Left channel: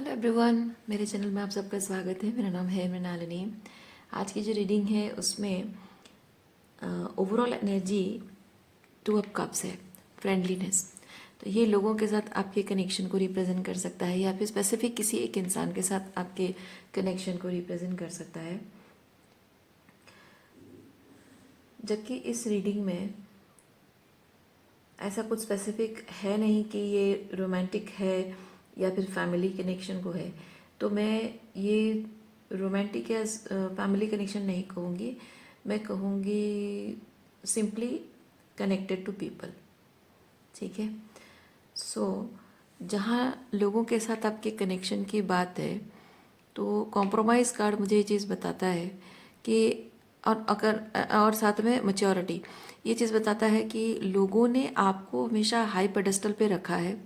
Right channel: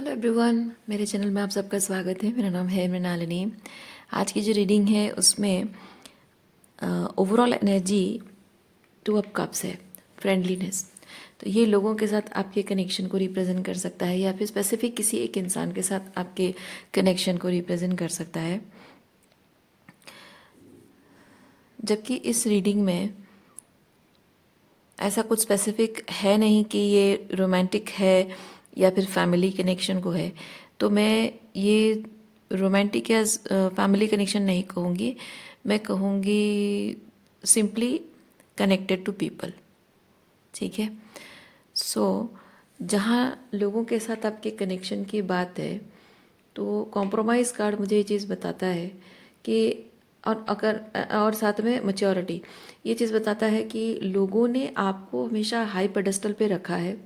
Hello everyone, मेरे channel में आप सबका स्वागत है। मेरा नाम है मृणालिनी। आज की जो रीडिंग है उसमें overall energy two of cups है, फ्रेंडलीनेस। तो ये लोगों के साथ आपके कनेक्शन को रिप्रेजेंट कर सकता है या फिर स्पेसिफिक किसी एक इंसान के साथ आपके कनेक्शन को रिप्रेजेंट कर सकता है। जबकि इस रीडिंग में ऐसा कुछ स्पेसिफिक है नहीं कि ये रोमांटिक है या फिर फैमिली कनेक्शन को है। तो मैं ये रोमांटिक या फैमिली कनेक्शन नहीं कहूँगी, मैं कहूँगी सिंपली कनेक्टेड टू पीपल। ठीक है। सो जहाँ लोगों के साथ आपके कनेक्शन की बात है तो कॉम्प्रोमाइज़ कार्ड मुझे ये चीज़ बताता है कि और साथ में मैच्योरिटी ये चीज़ बताता है कि लोगों ने आपको हमेशा हाई पेडेस्टल पे रखा है।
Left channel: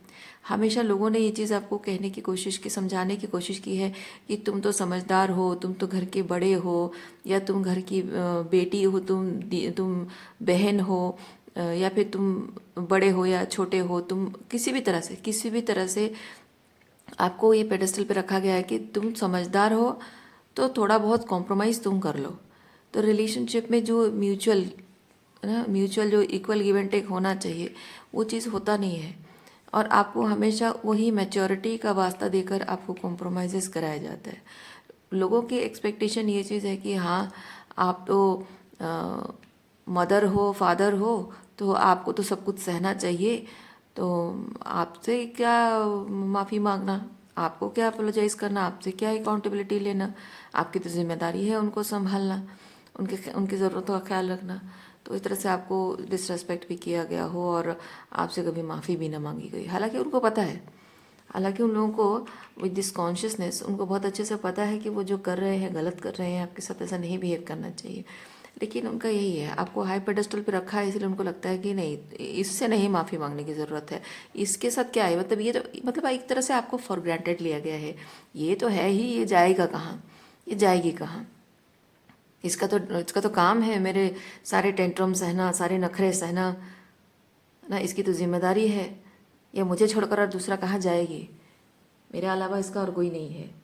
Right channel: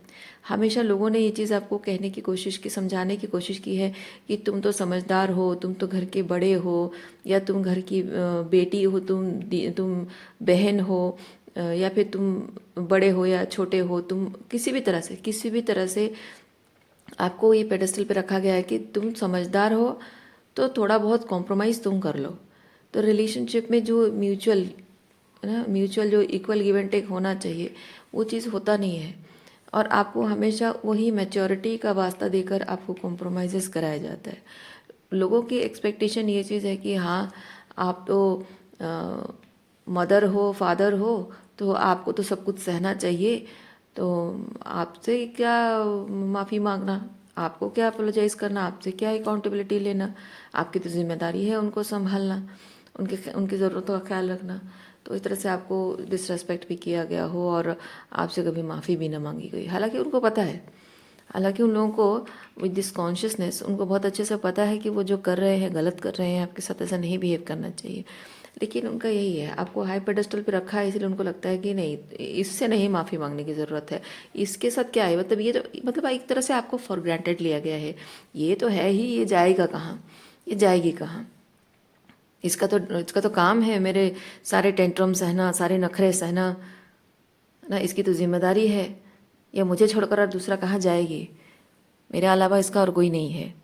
हमेशा लोगों ने ये चीज़ आपको कहने की कोशिश की, समझाने की कोशिश की है कि तुम तो समझदार हो, तुम तो घर के बड़े हो, या तुम घर की बेटी हो, तुम बहन हो, या फिर तुम बड़े हो या छोटे हो, तुम किसी भी तरह से आपको ये पेडेस्टल पे रखा गया है कि तुम समझदार हो तो थोड़ा बहुत कॉम्प्रोमाइज़ तुम कर लो। तो रिलेशनशिप में जो म्यूचुअल जो इक्वल गिव एंड टेक होना चाहिए वो चीज़ होता नहीं है, और आपको हमेशा वही मैच्योरिटी का वास्ता देकर आपको कॉम्प्रोमाइज़ कराया जाता है। लोगों की एक्सपेक्टेशन ये चीज़ है कि हाँ, आप तो मदर हो, फादर हो, तो आपको तो सब कुछ सहना चाहिए। तो आपसे क्या माफ़ी मांगना, आपको क्या अपोलोजाइज़ करना, आपसे क्या अकाउंटेबिलिटी लेना, आपकी तो जिम्मेदारी है उनको संभालना, उनकी ज़रूरतों का ख्याल रखना। तो इस तरह से आपको डिसरेस्पेक्ट भी किया गया हो और आपसे कभी माफ़ी भी ना मांगी गई, हालांकि उनको पता है। हालांकि उन लोगों को विद दिस कॉन्शियसनेस उनको बहुत अच्छे से पता है कि वो जो कर रहे हैं गलत कर रहे हैं, आपके साथ ऐसा नहीं बिहेव करना चाहिए। लेकिन उनका यही है, आपको हाई पेडेस्टल पे रखा है, इसलिए उनको लगता है कि नहीं, इससे नहीं माफ़ी मांगने की ज़रूरत है। इसके साथ क्या है, मतलब ये तो मतलब एक तरह से आपको फॉर ग्रांटेड लिया गया है। ये तो है ही, ये जाएगा कहाँ, ये जाएगी कहाँ। इसका तो काम है मेरे सारे टेंट्रम सहना, सारे नखरे सहना ना, इसकी तो जिम्मेदारी है। या मुझे छोड़कर और दूसरा कहाँ जाएगी, मेरे अलावा इसका और कोई नहीं है।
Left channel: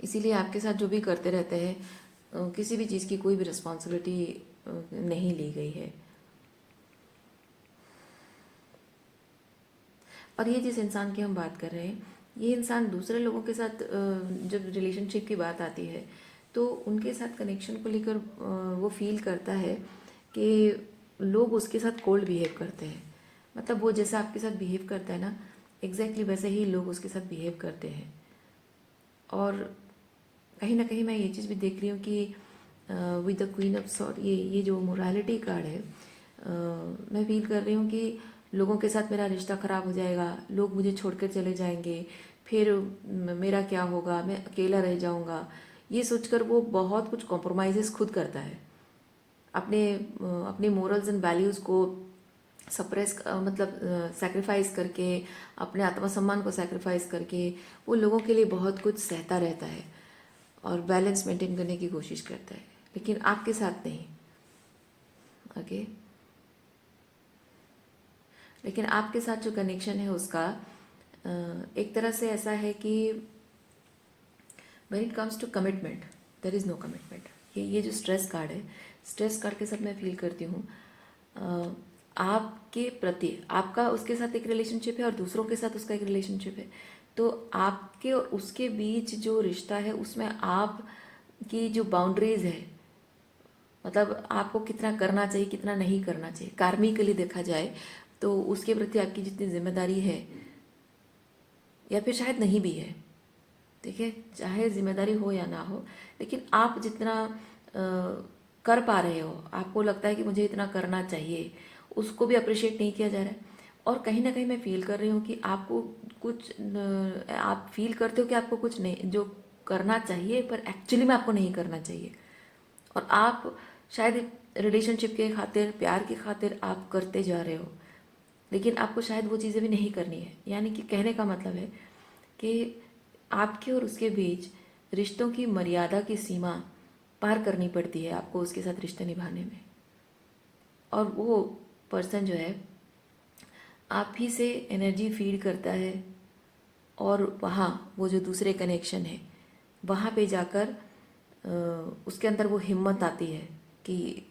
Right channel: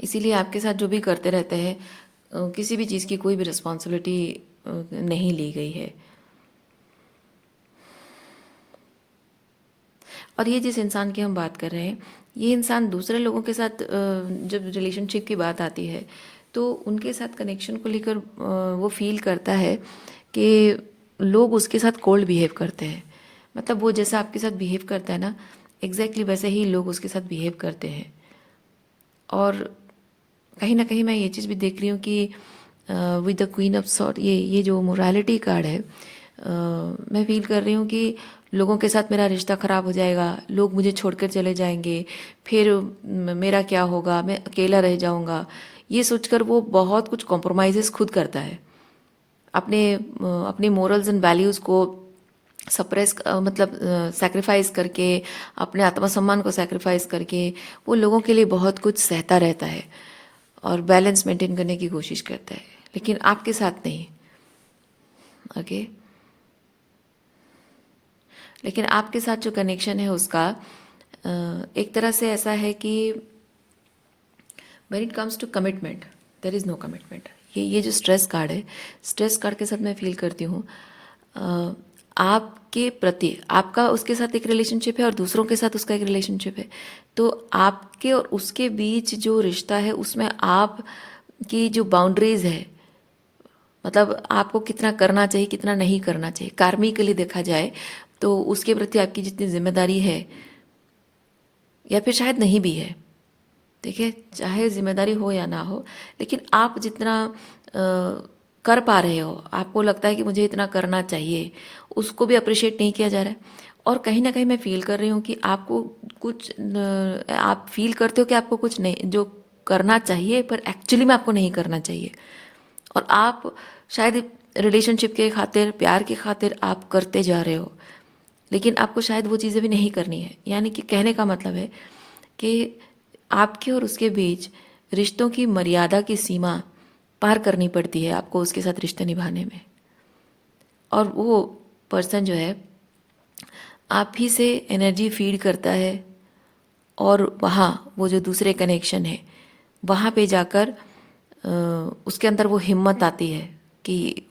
इसीलिए आपके साथ जो भी करते रहते हैं, किसी भी चीज़ की कोई भी रिस्पॉन्सिबिलिटी नहीं ली गई है। और ये जिस इंसान की हम बात कर रहे हैं, ये इंसान दूसरे लोगों के साथ जब रिलेशनशिप की बात आती है तो उनके साथ कनेक्शन को लेकर वो फील करता है कि लोग उसके साथ कोल्ड बिहेव करते हैं। मतलब वो जैसा आपके साथ बिहेव करता है ना, एग्जैक्टली वैसे ही लोग उसके साथ बिहेव करते हैं। और कहीं ना कहीं मैं ये चीज़ भी देख रही हूँ कि with the queen of sword, ये जो मोरालिटी कार्ड है, मैं फील कर रही हूँ कि लोगों के साथ मेरा रिश्ता ख़राब हो जाएगा, लोग मुझे छोड़कर चले जाएंगे, फिर मेरा क्या होगा, मैं अकेला रह जाऊँगा। ये सोचकर वो बहुत कुछ कॉम्प्रोमाइज़ खुद करता है, अपने मोरल्स एंड वैल्यूज़ को सप्रेस, मतलब सैक्रिफाइस करके, अपने आत्मसम्मान को सैक्रिफाइस करके वो लोगों के लिए बहुत कुछ सहता रहता है और बैलेंस मेंटेन करने की कोशिश करता है, लेकिन आपके साथ नहीं। ओके। लेकिन आपके साथ जो कनेक्शन है उसका एक तरह से ऐसा है कि when it comes to commitment, there is no commitment. ये जो स्ट्रेस कार्ड है, स्ट्रेस कार्ड के साथ मैं फील करती हूँ आपके प्रति, आपका उसके साथ एक रिलेशनशिप है और दूसरों के साथ उसका एक रिलेशनशिप है। तो आपके और उसके बीच जो रिश्ता है उसमें आप की जो बाउंड्रीज है, मतलब आपको कितना करना चाहिए, कितना नहीं करना चाहिए, कार्मिकली देखा जाए तो उसके प्रति आपकी जितनी जिम्मेदारी है, या फिर शायद नहीं भी है, देखिए, चाहे जिम्मेदारी हो या ना हो, लेकिन आप जितना कर पा रहे हो, आपको लगता है कि मुझे इतना करना चाहिए, उसको भी अप्रिशिएट नहीं किया जा रहा है। और कहीं ना कहीं मैं फील कर रही हूँ कि आपको कुछ आप फील करते हो कि आपको कुछ नहीं जो करना चाहिए, पर एक्चुअली में आपको नहीं करना चाहिए। और आप शायद रिलेशनशिप के खातिर, प्यार की खातिर आप करते जा रहे हो, लेकिन आपको शायद वो चीज़ें भी नहीं करनी है। यानी कि कहने का मतलब है कि आपके और उसके बीच रिश्तों की मर्यादा की सीमा पार करनी पड़ती है आपको उसके साथ रिश्ते निभाने में। और वो पर्सन जो है आप ही से एनर्जी फीड करता है, और वहाँ वो जो दूसरे कनेक्शन है वहाँ पे जाकर उसके अंदर वो हिम्मत आती है कि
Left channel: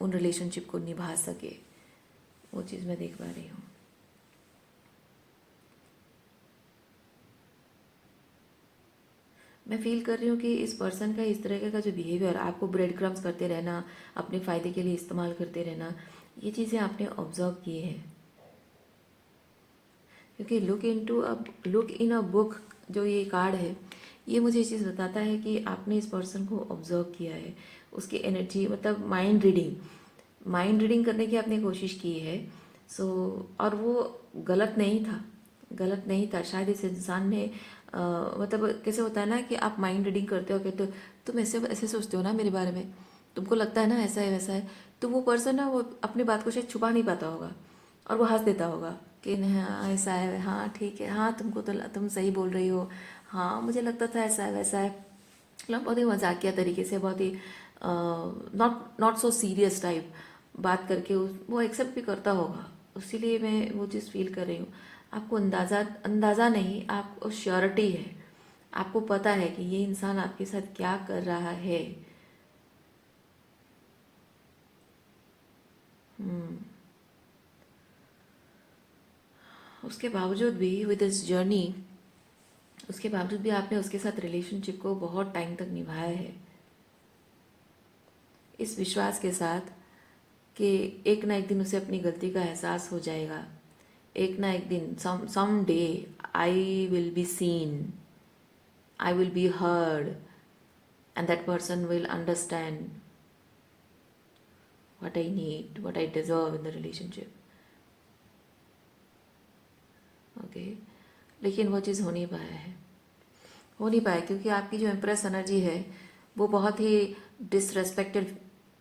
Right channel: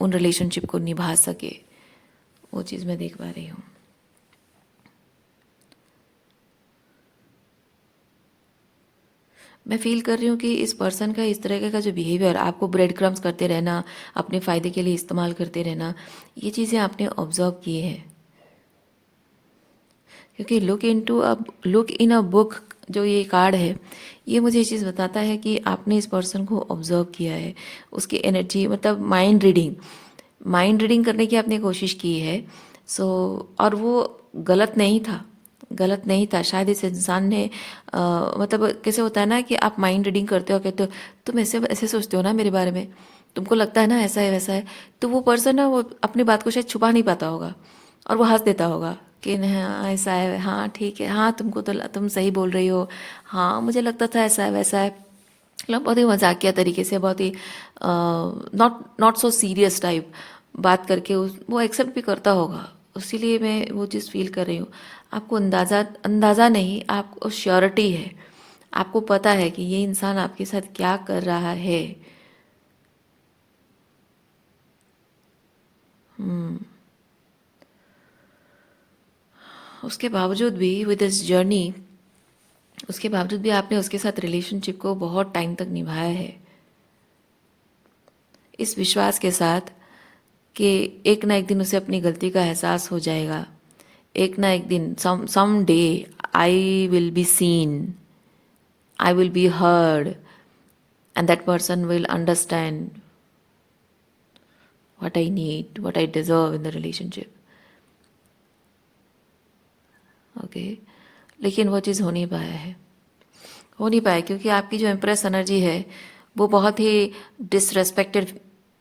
उन रिलेशनशिप को निभा सके। वो चीज़ मैं देख पा रही हूँ। मैं फील कर रही हूँ कि इस पर्सन का इस तरह का जो बिहेवियर, आपको ब्रेड क्रम्स करते रहना, अपने फ़ायदे के लिए इस्तेमाल करते रहना, ये चीज़ें आपने ऑब्जर्व किए हैं। क्योंकि लुक इन अ बुक जो ये कार्ड है, ये मुझे ये चीज़ बताता है कि आपने इस पर्सन को ऑब्जर्व किया है, उसकी एनर्जी, मतलब माइंड रीडिंग करने की आपने कोशिश की है। सो और वो गलत नहीं था। शायद इस इंसान ने मतलब कैसे होता है ना कि आप माइंड रीडिंग करते हो, कहते हो तुम ऐसे ऐसे सोचते हो ना मेरे बारे में, तुमको लगता है ना ऐसा है वैसा है, तो वो पर्सन ना वो अपनी बात को शायद छुपा नहीं पाता होगा और वो हंस देता होगा कि नहीं, हाँ ऐसा है, हाँ ठीक है, हाँ तुमको तो तुम सही बोल रही हो, हाँ मुझे लगता था ऐसा है वैसा है। मतलब बहुत ही मजाकिया तरीके से, बहुत ही not not so serious type बात करके वो एक्सेप्ट भी करता होगा। इसीलिए मैं वो चीज़ फील कर रही हूँ। आपको अंदाज़ा नहीं, आपको श्योरिटी है, आपको पता है कि ये इंसान आपके साथ क्या कर रहा है। उसके बावजूद भी विद दिस जर्नी, उसके बावजूद भी आपने उसके साथ रिलेशनशिप को बहुत टाइम तक निभाया है, इस विश्वास के साथ कि एक ना एक दिन उसे अपनी गलती का एहसास हो जाएगा। एक ना एक दिन, someday I will be seen, I will be heard, and that person will understand what I need, what I deserve in the relationship. Okay, लेकिन वो चीज़ हो नहीं पाया क्योंकि आपकी जो एम्प्रेस एनर्जी है वो बहुत ही डिसरेस्पेक्टेड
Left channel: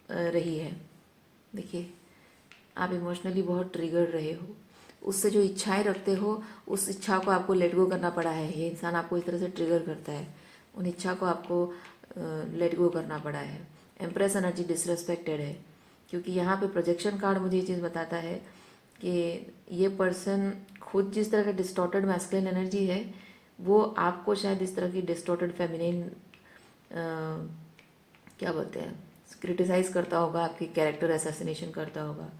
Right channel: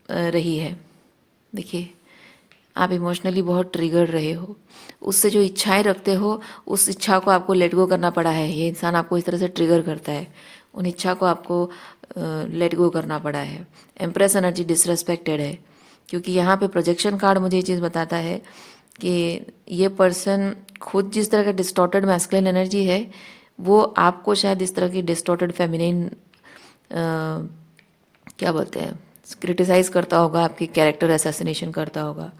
रही है। देखिए, आप इमोशनली बहुत ट्रिगर रहे हो, उससे जो इच्छाएं रखते हो उस इच्छा को आपको लेट गो करना पड़ा है। ये इंसान आपको इस तरह से ट्रिगर करता है, उन इच्छा को आपको लेट गो करना पड़ा है। एम्प्रेस एनर्जी डिसरेस्पेक्टेड है क्योंकि यहाँ पे प्रोजेक्शन कार्ड मुझे ये चीज़ बताता है कि ये पर्सन खुद जिस तरह का डिस्टॉर्टेड मैस्कुलिन एनर्जी है, वो आपको शायद इस तरह की डिस्टॉर्टेड फेमिनिन क्या बोलते हैं, क्रिटिसाइज करता होगा, आपकी कैरेक्टर असैसिनेशन करता होगा।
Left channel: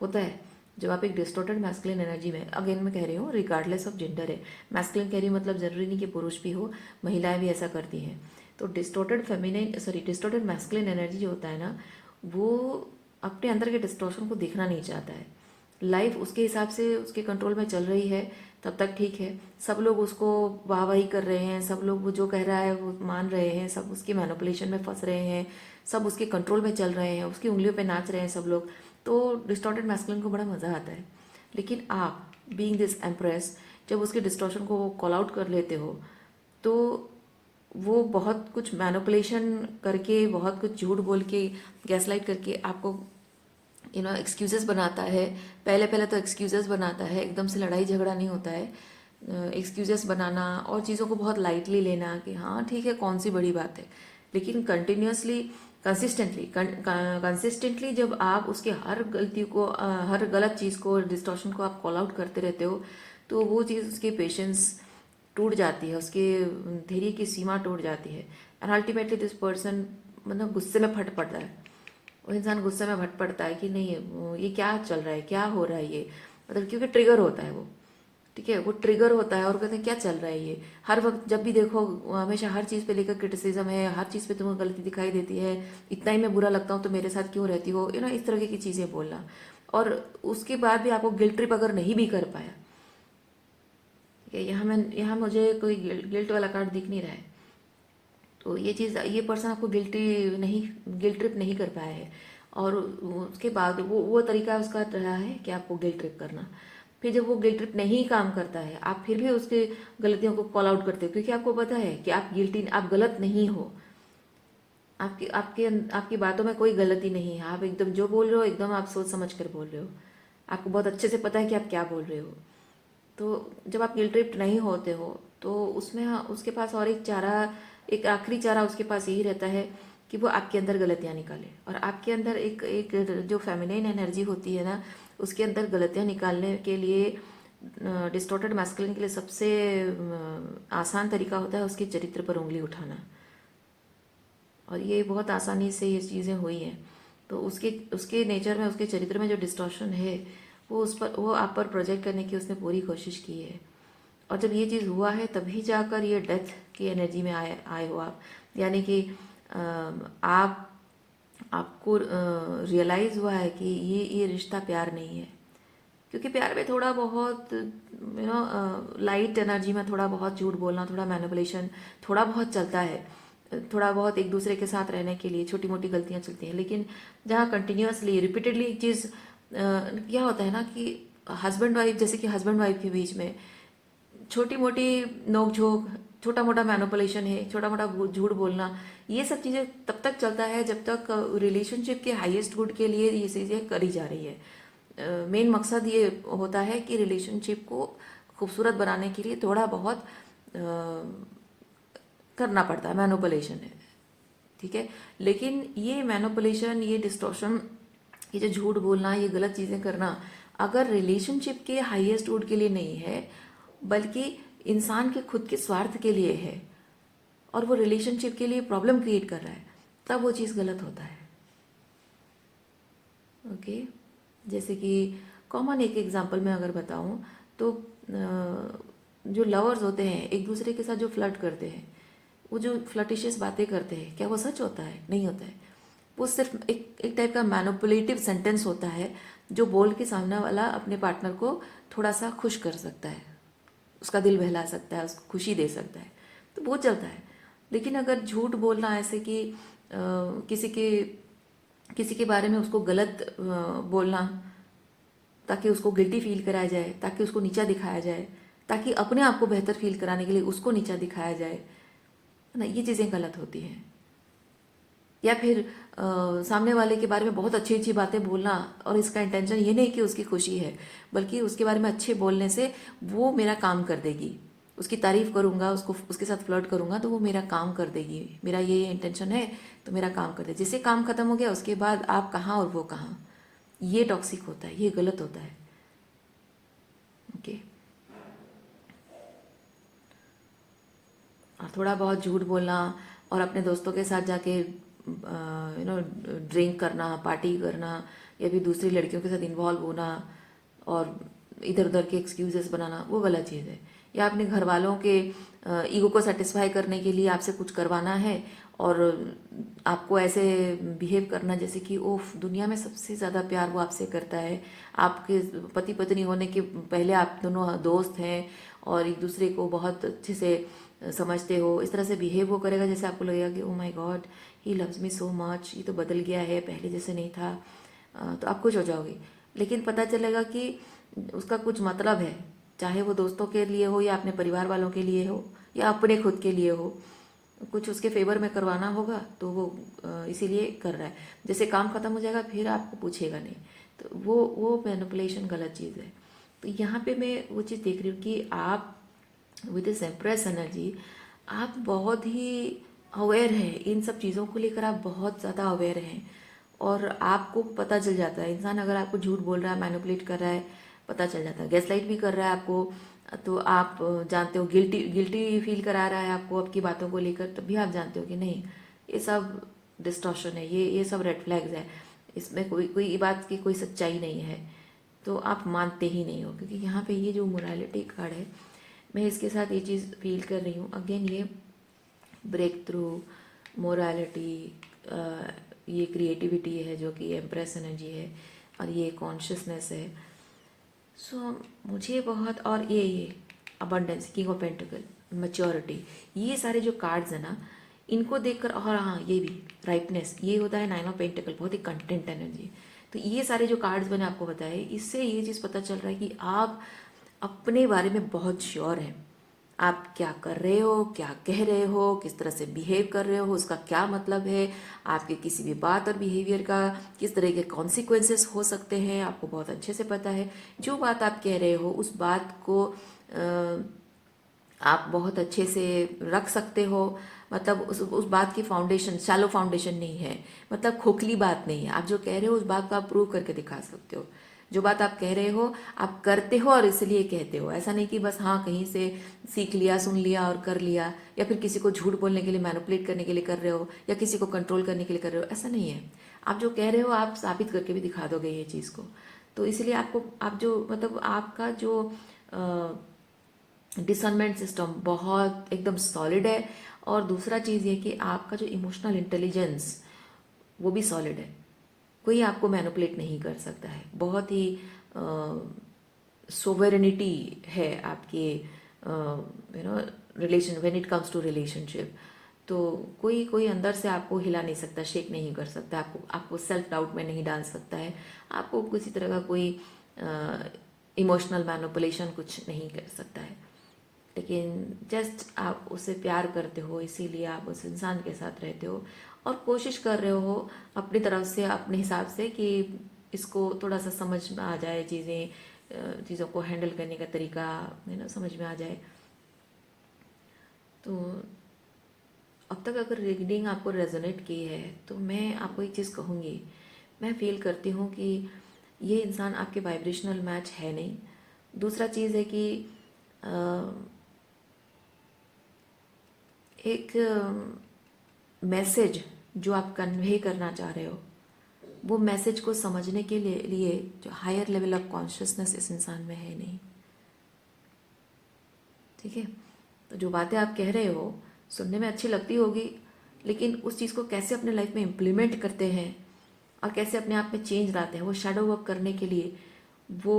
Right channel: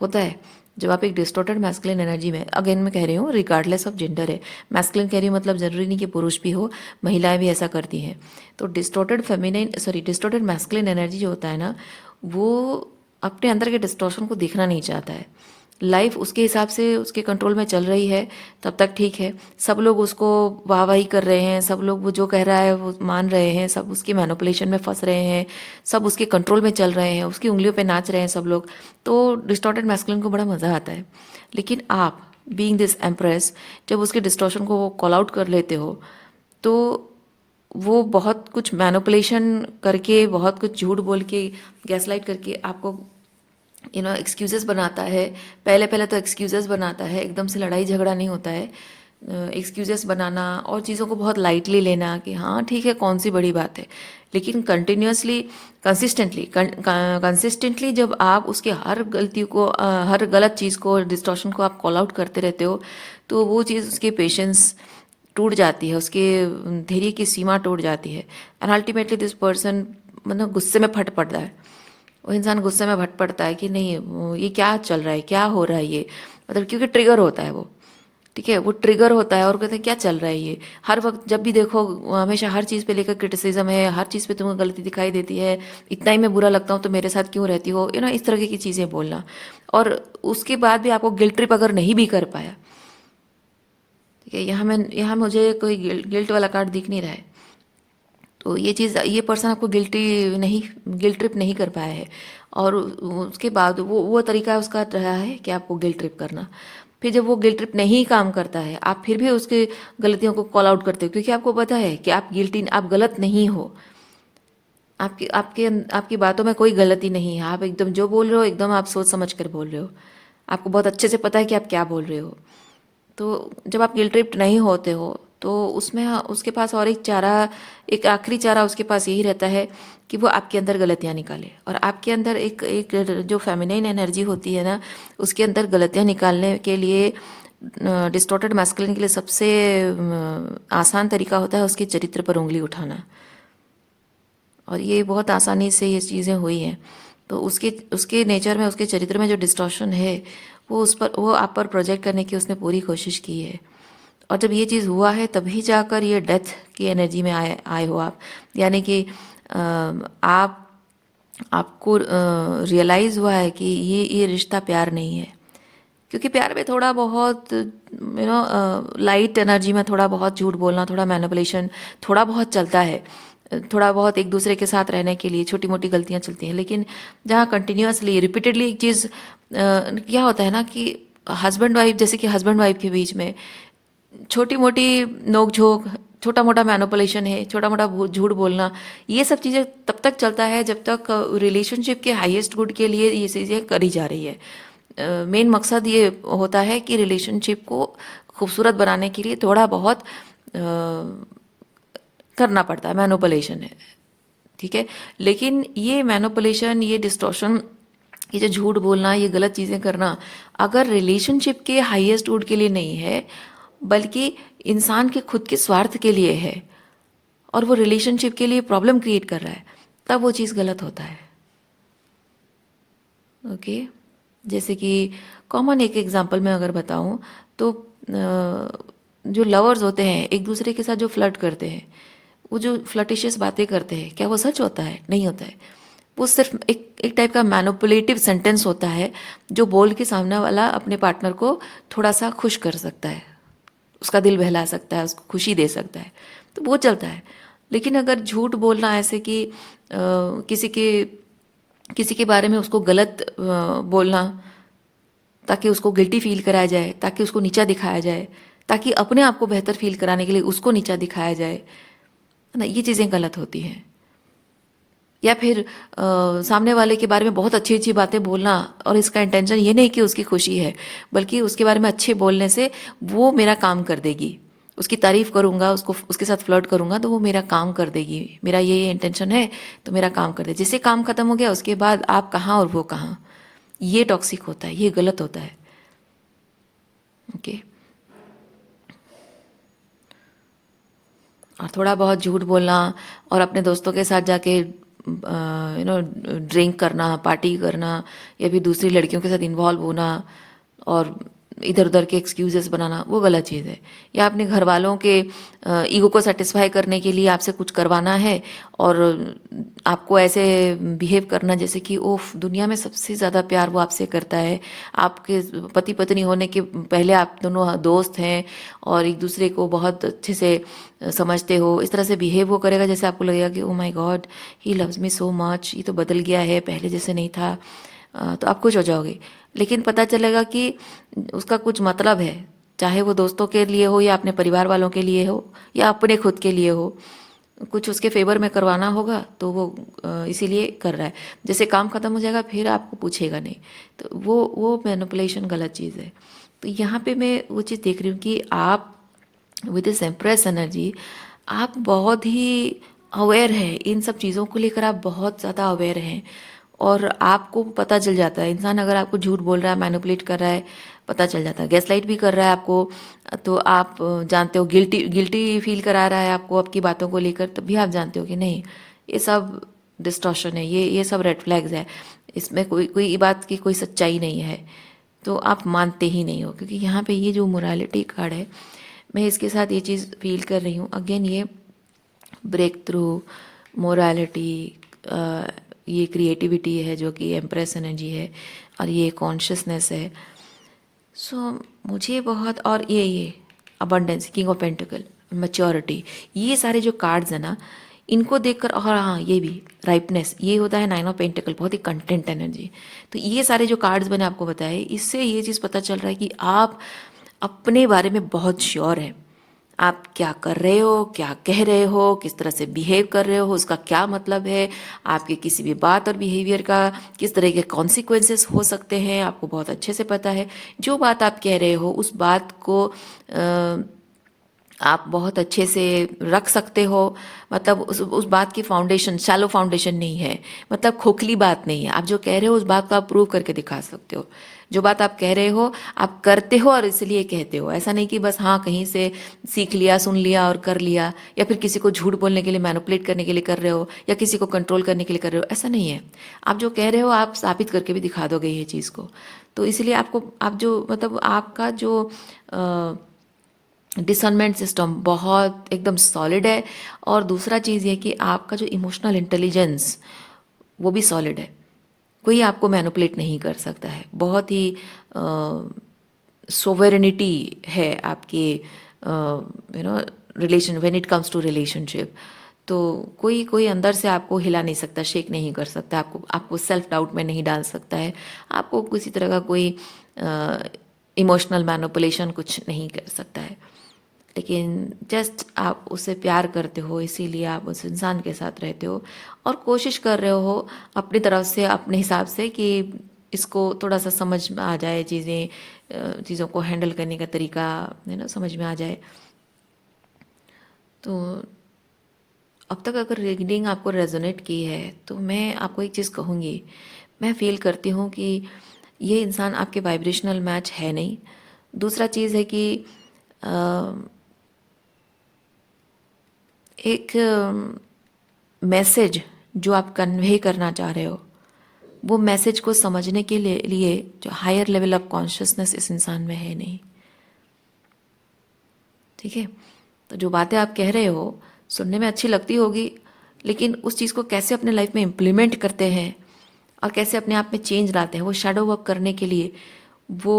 होता है जब आप एक डिस्टॉर्टेड मैस्कुलिन एनर्जी में, अगेन मैं कह रही हूँ रिगार्डलेस ऑफ जेंडर है, मैस्कुलिन कह रही हूँ मतलब ज़रूरी नहीं कि पुरुष भी हो, महिलाएं भी ऐसा करती हैं। तो डिस्टॉर्टेड मैस्कुलिन एनर्जी जो होता है ना, वो अपने अंदर के डिस्टॉर्शन को देखना नहीं चाहता है। लाइफ उसके हिसाब से उसके कंट्रोल में चल रही है तब तक ठीक है, सब लोग उसको वाहवाही कर रहे हैं, सब लोग वो जो कह रहा है वो मान रहे हैं, सब उसकी मैनिपुलेशन में फंस रहे हैं, सब उसके कंट्रोल में चल रहे हैं, उसकी उंगलियों पे नाच रहे हैं सब लोग। तो डिस्टॉर्टेड मैस्कुलिन को बड़ा मज़ा आता है। लेकिन आप बीइंग दिस एम्प्रेस, जब उसके डिस्टॉर्शन को कॉल आउट कर लेते हो, तो वो बहुत कुछ मैनिपुलेशन करके, बहुत कुछ झूठ बोल के, गैसलाइट करके आपको एक्सक्यूजेस बनाता है। पहले पहले तो एक्सक्यूजेस बनाता है, एकदम से लड़ाई झगड़ा नहीं होता है। एक्सक्यूजेस बनाना और चीज़ों को बहुत लाइटली लेना कि हाँ ठीक है, कौन सी बड़ी बात है। लेकिन कंटिन्यूसली, कंसिस्टेंटली जब आप उसके हर गलती को, हर गलत चीज़ को, डिस्टॉर्शन को आप कॉल आउट करते रहते हो, तो वो चीज़ उसके पेशेंस टूट जाती है, उसके धैर्य की सीमा टूट जाती है। एंड अल्टीमेटली दिस पर्सन मतलब गुस्से में फट पड़ता है। वो इंसान गुस्से में भट पड़ता है कि नहीं ये क्या चल रहा है, क्या हो रहा है ये, मतलब क्योंकि ट्रिगर होता है वो, ठीक है, वो ट्रिगर होता है और कहते हैं क्या चल रहा है ये। हर वक्त जब भी देखो हमेशा हर चीज़ पे लेकर क्रिटिसिज्म है, हर चीज़ पे तुम्हें गलती दिखाई देती है, इतना ही मैं बुरा लगता हूँ तो मेरे साथ क्यों रहती हो, इस तरह की चीज़ें बोलना। और उसके बाद भी आपको गिल्ट ट्रिप अगर नहीं भी कर पाया, ठीक है, यहाँ मुझे कोई गिल्ट वाला कार्ड दिख नहीं रहा है। तो ये चीज़, ये पर्सन आपको गिल्ट ट्रिप नहीं कर पाया है। और उसके बाद वो तरीका उसका रहा है कि आपको गिल्ट ट्रिप करना। फिर जब वो गिल्ट ट्रिप नहीं काम करता है, आप फिर भी उसके गलतियों को कॉल आउट करते हो क्योंकि आपको पता है कि आप गलत नहीं हो। आपकी आपके आपकी बातों में कोई गलती नहीं है, आप एकदम जो बोल रहे हो एकदम आप सोच समझ कर बोल रहे हो, आपको बहुत अच्छे से पता है कि आप क्या बोल रहे हो। तो जब आप गिल्ट ट्रिप्ड नहीं होते हो तो उसमें उसके पास और एक चारा, एक आखिरी चारा उसके पास यही रहता है कि वो आपके अंदर गलतियाँ निकाले। और आपके अंदर एक एक जो फेमिनाइन एनर्जी होती है ना, उसके अंदर गलतियाँ निकालने के लिए डिस्टॉर्टेड मैस्कुलिन के लिए सबसे आसान तरीका होता है उसके चरित्र पर उंगली उठाना, और ये बहुत आसानी से ये चीज़ें हुई हैं। तो उसके उसके नेचर में, उसके चरित्र में जो डिस्टॉर्शन है वो उस पर, वो आप पर प्रोजेक्ट करने की उसने पूरी कोशिश की है। और जब ये चीज़ हुआ है तभी जाकर ये डेथ की एनर्जी में आए आए हो आप। यानी कि आप आपको रियलाइज़ हुआ है कि ये रिश्ता प्यार नहीं है। क्योंकि प्यार में थोड़ा बहुत लाइट एनर्जी में थोड़ा बहुत झूठ बोलना, थोड़ा मैनिपुलेशन थोड़ा बहुत चलता है। थोड़ा बहुत एक दूसरे के साथ रहने के लिए छोटी मोटी गलतियां चलती हैं। लेकिन जहाँ कंटिन्यूअसली रिपीटेडली एक चीज़ क्या होता है ना कि हस्बैंड वाइफ, जैसे कि हस्बैंड वाइफ के बीच में छोटी मोटी नोक झोंक, छोटा मोटा मैनिपुलेशन है, छोटा मोटा झूठ बोलना, ये सब चीज़ें तब तक चलता है जब तक रिलेशनशिप के हाईएस्ट गुड के लिए ये चीज़ें करी जा रही है। मेन मकसद ये होता है कि रिलेशनशिप को खूबसूरत बनाने के लिए थोड़ा बहुत करना पड़ता है, मैनिपुलेशन है, ठीक है। लेकिन ये मैनिपुलेशन, ये डिस्टॉर्शन, ये जो झूठ बोलना, ये गलत चीज़ें करना अगर रिलेशनशिप के हाईएस्ट गुड के लिए नहीं है, बल्कि इंसान के खुद के स्वार्थ के लिए है, और वो रिलेशनशिप के लिए प्रॉब्लम क्रिएट कर रहा है, तब वो चीज़ गलत होता है। ओके। जैसे कि कॉमन एक एग्जांपल मैं अगर बताऊं तो जो लवर्स होते हैं एक दूसरे के साथ जो फ्लर्ट करते हैं, वो जो फ्लर्टिशियस बातें करते हैं, क्या वो सच होता है? नहीं होता है। वो सिर्फ एक टाइप का मैनिपुलेटिव सेंटेंस होता है जो बोल के सामने वाला अपने पार्टनर को थोड़ा सा खुश कर सकता है, उसका दिल बहला सकता है, उसको खुशी दे सकता है, तो वो चलता है। लेकिन अगर झूठ बोलना ऐसे कि किसी के बारे में उसको गलत बोलना ताकि उसको गिल्टी फील कराया जाए, ताकि उसको नीचा दिखाया जाए, ताकि अपने आप को बेहतर फील कराने के लिए उसको नीचा दिखाया जाए, है ना, ये चीज़ें गलत होती हैं। या फिर सामने वाले के बारे में बहुत अच्छी अच्छी बातें बोलना, और इसका इंटेंशन ये नहीं कि उसकी खुशी है, बल्कि उसके बारे में अच्छे बोलने से वो मेरा काम कर देगी, उसकी तारीफ करूंगा, उसको उसके साथ फ्लर्ट करूंगा तो वो मेरा काम कर देगी, मेरा ये इंटेंशन है तो मेरा काम कर दे। जिससे काम खत्म हो गया उसके बाद आप कहाँ और वो कहाँ, ये टॉक्सिक होता है, ये गलत होता है। ओके। और थोड़ा बहुत झूठ बोलना और अपने दोस्तों के साथ जाके ड्रिंक करना, पार्टी करना, या फिर दूसरी लड़कियों के साथ इन्वॉल्व होना और इधर उधर के एक्सक्यूजेस बनाना, वो गलत चीज़ है। या अपने घर वालों के ईगो को सेटिस्फाई करने के लिए आपसे कुछ करवाना है और आपको ऐसे बिहेव करना जैसे कि ओफ, दुनिया में सबसे ज़्यादा प्यार वो आपसे करता है, आपके पति पत्नी होने के पहले आप दोनों दोस्त हैं और एक दूसरे को बहुत अच्छे से समझते हो, इस तरह से बिहेव वो करेगा जैसे आपको लगेगा कि oh my God, he loves me so much, ये तो बदल गया है, पहले जैसे नहीं था। तो आप खुश हो जाओगे। लेकिन पता चलेगा कि उसका कुछ मतलब है, चाहे वो दोस्तों के लिए हो या अपने परिवार वालों के लिए हो या अपने खुद के लिए हो, कुछ उसके फेवर में करवाना होगा तो वो इसीलिए कर रहा है। जैसे काम खत्म हो जाएगा फिर आपको पूछेगा नहीं, तो वो मैनिपुलेशन गलत चीज़ है। तो यहाँ पे मैं वो चीज़ देख रही हूँ कि आप विद दिस एम्प्रेस एनर्जी, आप बहुत ही अवेयर हैं इन सब चीज़ों को लेकर, आप बहुत ज़्यादा अवेयर हैं और आपको पता चल जाता है इंसान अगर आपको झूठ बोल रहा है, मैनिपुलेट कर रहा है, पता चल जाता है। गैसलाइट भी कर रहा है आपको, तो आप जानते हो, गिल्टी गिल्टी फील करा रहा है आपको आपकी बातों को लेकर, तब भी आप जानते हो कि नहीं, ये सब डिस्टॉर्शन है, ये सब रेड फ्लैग्स है, इसमें कोई कोई बात की कोई सच्चाई नहीं है, तो आप मानते ही नहीं हो। क्योंकि यहाँ पे ये जो मोरालिटी कार्ड है, मैं इसके साथ ये चीज़ फील कर रही हूँ। अगेन ये ब्रेक थ्रू, मोरालिटी, ये क्रिएटिविटी है जो कि एम्प्रेस एनर्जी है, और ये कॉन्शियसनेस है। सो मुझे बहुत, और ये abundance, king of pentacle, maturity, ये सारे जो कार्ड्स हैं ना, इनको देखकर, और हाँ ये भी राइपनेस, ये होता है नाइन ऑफ पेंटिकल, बहुत ही कंटेंट एनर्जी। तो ये सारे जो कार्ड्स मैंने आपको बताए, इससे ये चीज़ पता चल रहा है कि आप अपने बारे में बहुत श्योर हैं। आप क्या कर रहे हो, क्या कह रहे हो, किस तरह से बिहेव कर रहे हो, उसका क्या मतलब है, आपके किसी भी बात और बिहेवियर का किस तरह के कॉन्सिक्वेंसेस हो सकते हैं, आपको बहुत अच्छे से पता है। जो बात आप कह रहे हो उस बात को आप बहुत अच्छे से रख सकते हो। मतलब उस बात की फाउंडेशन शैलो फाउंडेशन नहीं है, मतलब खोखली बात नहीं है। आप जो कह रहे हो उस बात को आप प्रूव करके दिखा सकते हो। जो बात आप कह रहे हो आप करते हो और इसलिए कहते हो, ऐसा नहीं कि बस हाँ कहीं से सीख लिया, सुन लिया और कर लिया, या फिर किसी को झूठ बोलने के लिए, मैनिपुलेट करने के लिए कर रहे हो, या किसी को कंट्रोल करने के लिए कर रहे हो, ऐसा नहीं है। आप जो कह रहे हो आप साबित करके भी दिखा दोगे ये चीज़ को। तो इसीलिए आपको, आप जो मतलब आपका जो डिसर्नमेंट सिस्टम बहुत एकदम सॉलिड है। और दूसरा चीज़ ये कि आपका जो इमोशनल इंटेलिजेंस वो भी सॉलिड है। कोई आपको मैनिपुलेट नहीं कर सकता है। बहुत ही सोवेरेनिटी है आपके relation, when it comes to relationship. तो कोई कोई अंदर से आपको हिला नहीं सकता, शेक नहीं कर सकता, आपको आपको सेल्फ डाउट में नहीं डाल सकता है, आपको किसी तरह का कोई इमोशनल मैनिपुलेशन कुछ नहीं कर सकता है। लेकिन जस्ट आप उससे प्यार करते हो, इसीलिए आप उस इंसान के साथ रहते हो और कोशिश कर रहे हो अपनी तरफ से, अपने हिसाब से, कि इसको थोड़ा सा समझ में आ जाए, चीज़ों को हैंडल करने का तरीका है ना समझ में आ जाए। तो अब तक अगर रीडिंग आपको रेजोनेट की है तो मैं आपको एक चीज़ कहूँगी, मैं फील करती हूँ कि ये इंसान आपके वाइब्रेशनल मैच है नहीं। दूसरा चीज़ है कि एक मैसेज जो आप कन्वे करना चाह रहे हो, वो मैसेज को समझने के लिए जो हायर लेवल ऑफ कॉन्शियसनेस इस इंसान में है नहीं। ठीक है, तो जो बातें आप कह रहे हो सुनने में अच्छी लगती होगी, लेकिन उस चीज़ को कैसे अपने लाइफ में इम्प्लीमेंट करते हैं और कैसे अपने आप में चेंज लाते हैं, वो शैडो वर्क करने के लिए वो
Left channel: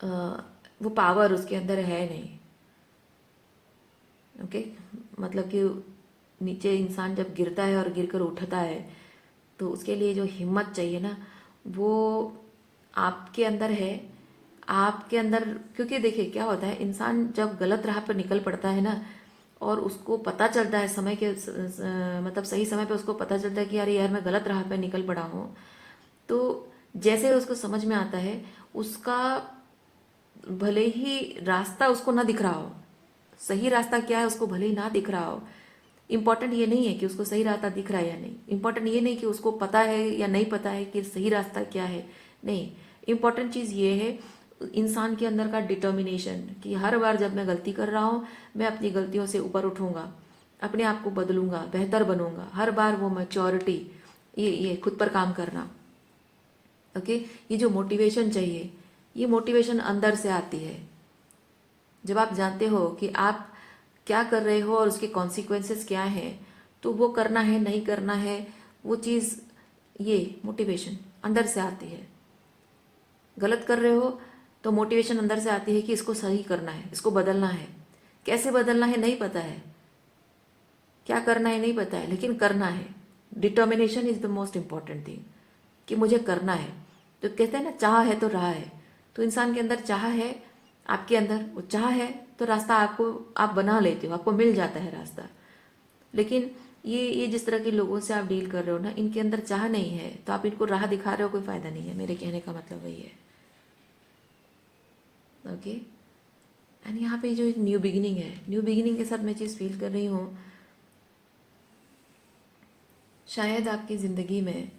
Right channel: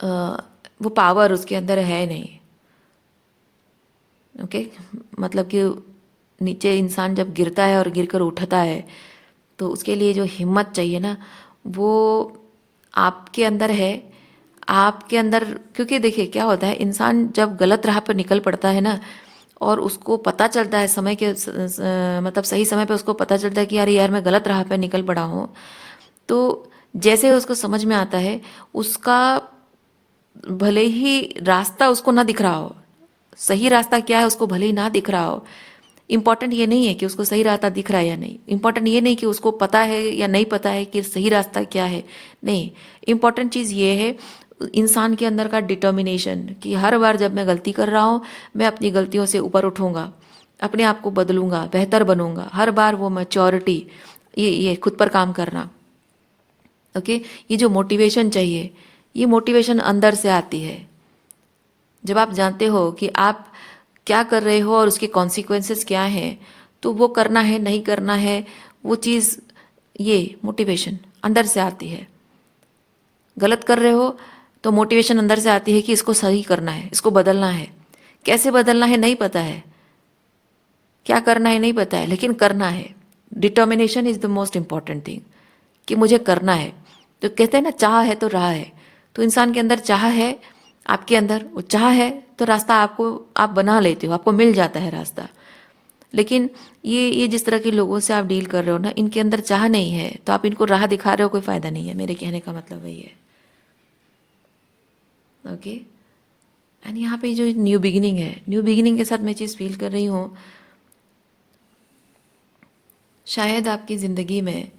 अ, वो पावर उसके अंदर है नहीं। ओके, मतलब कि नीचे इंसान जब गिरता है और गिर कर उठता है तो उसके लिए जो हिम्मत चाहिए ना, वो आपके अंदर है। आपके अंदर, क्योंकि देखिए क्या होता है, इंसान जब गलत राह पर निकल पड़ता है ना और उसको पता चलता है समय के मतलब सही समय पे उसको पता चलता है कि यार यार मैं गलत राह पर निकल पड़ा हूँ, तो जैसे उसको समझ में आता है, उसका भले ही रास्ता उसको ना दिख रहा हो, सही रास्ता क्या है उसको भले ही ना दिख रहा हो, इम्पॉर्टेंट ये नहीं है कि उसको सही रास्ता दिख रहा है या नहीं, इम्पॉर्टेंट ये नहीं कि उसको पता है या नहीं पता है कि सही रास्ता क्या है, नहीं। इम्पॉर्टेंट चीज़ ये है इंसान के अंदर का डिटर्मिनेशन कि हर बार जब मैं गलती कर रहा हूँ मैं अपनी गलतियों से ऊपर उठूँगा, अपने आप को बदलूँगा, बेहतर बनूँगा, हर बार वो मैच्योरिटी, ये खुद पर काम करना। ओके, ये जो मोटिवेशन चाहिए, ये मोटिवेशन अंदर से आती है। जब आप जानते हो कि आप क्या कर रहे हो और उसके कॉन्सिक्वेंसेस क्या हैं, तो वो करना है नहीं करना है, वो चीज़, ये मोटिवेशन अंदर से आती है। गलत कर रहे हो तो मोटिवेशन अंदर से आती है कि इसको सही करना है, इसको बदलना है। कैसे बदलना है नहीं पता है, क्या करना है नहीं पता है, लेकिन करना है। Determination is the most important thing कि मुझे करना है। तो कहते हैं ना, चाह है तो राह है। तो इंसान के अंदर चाह है, आपके अंदर वो चाह है, तो रास्ता आपको, आप बना लेते हो, आपको मिल जाता है रास्ता। लेकिन ये जिस तरह के लोगों से आप डील कर रहे हो ना, इनके अंदर चाह नहीं है, तो आप इनको राह दिखा रहे हो, कोई फ़ायदा नहीं है। मेरे कहने का मतलब वही है। ओके, एंड यहाँ पे जो न्यू बिगिनिंग है, न्यू बिगिनिंग के साथ मैं चीज़ फील कर रही हूँ, शायद आपकी ज़िंदगी में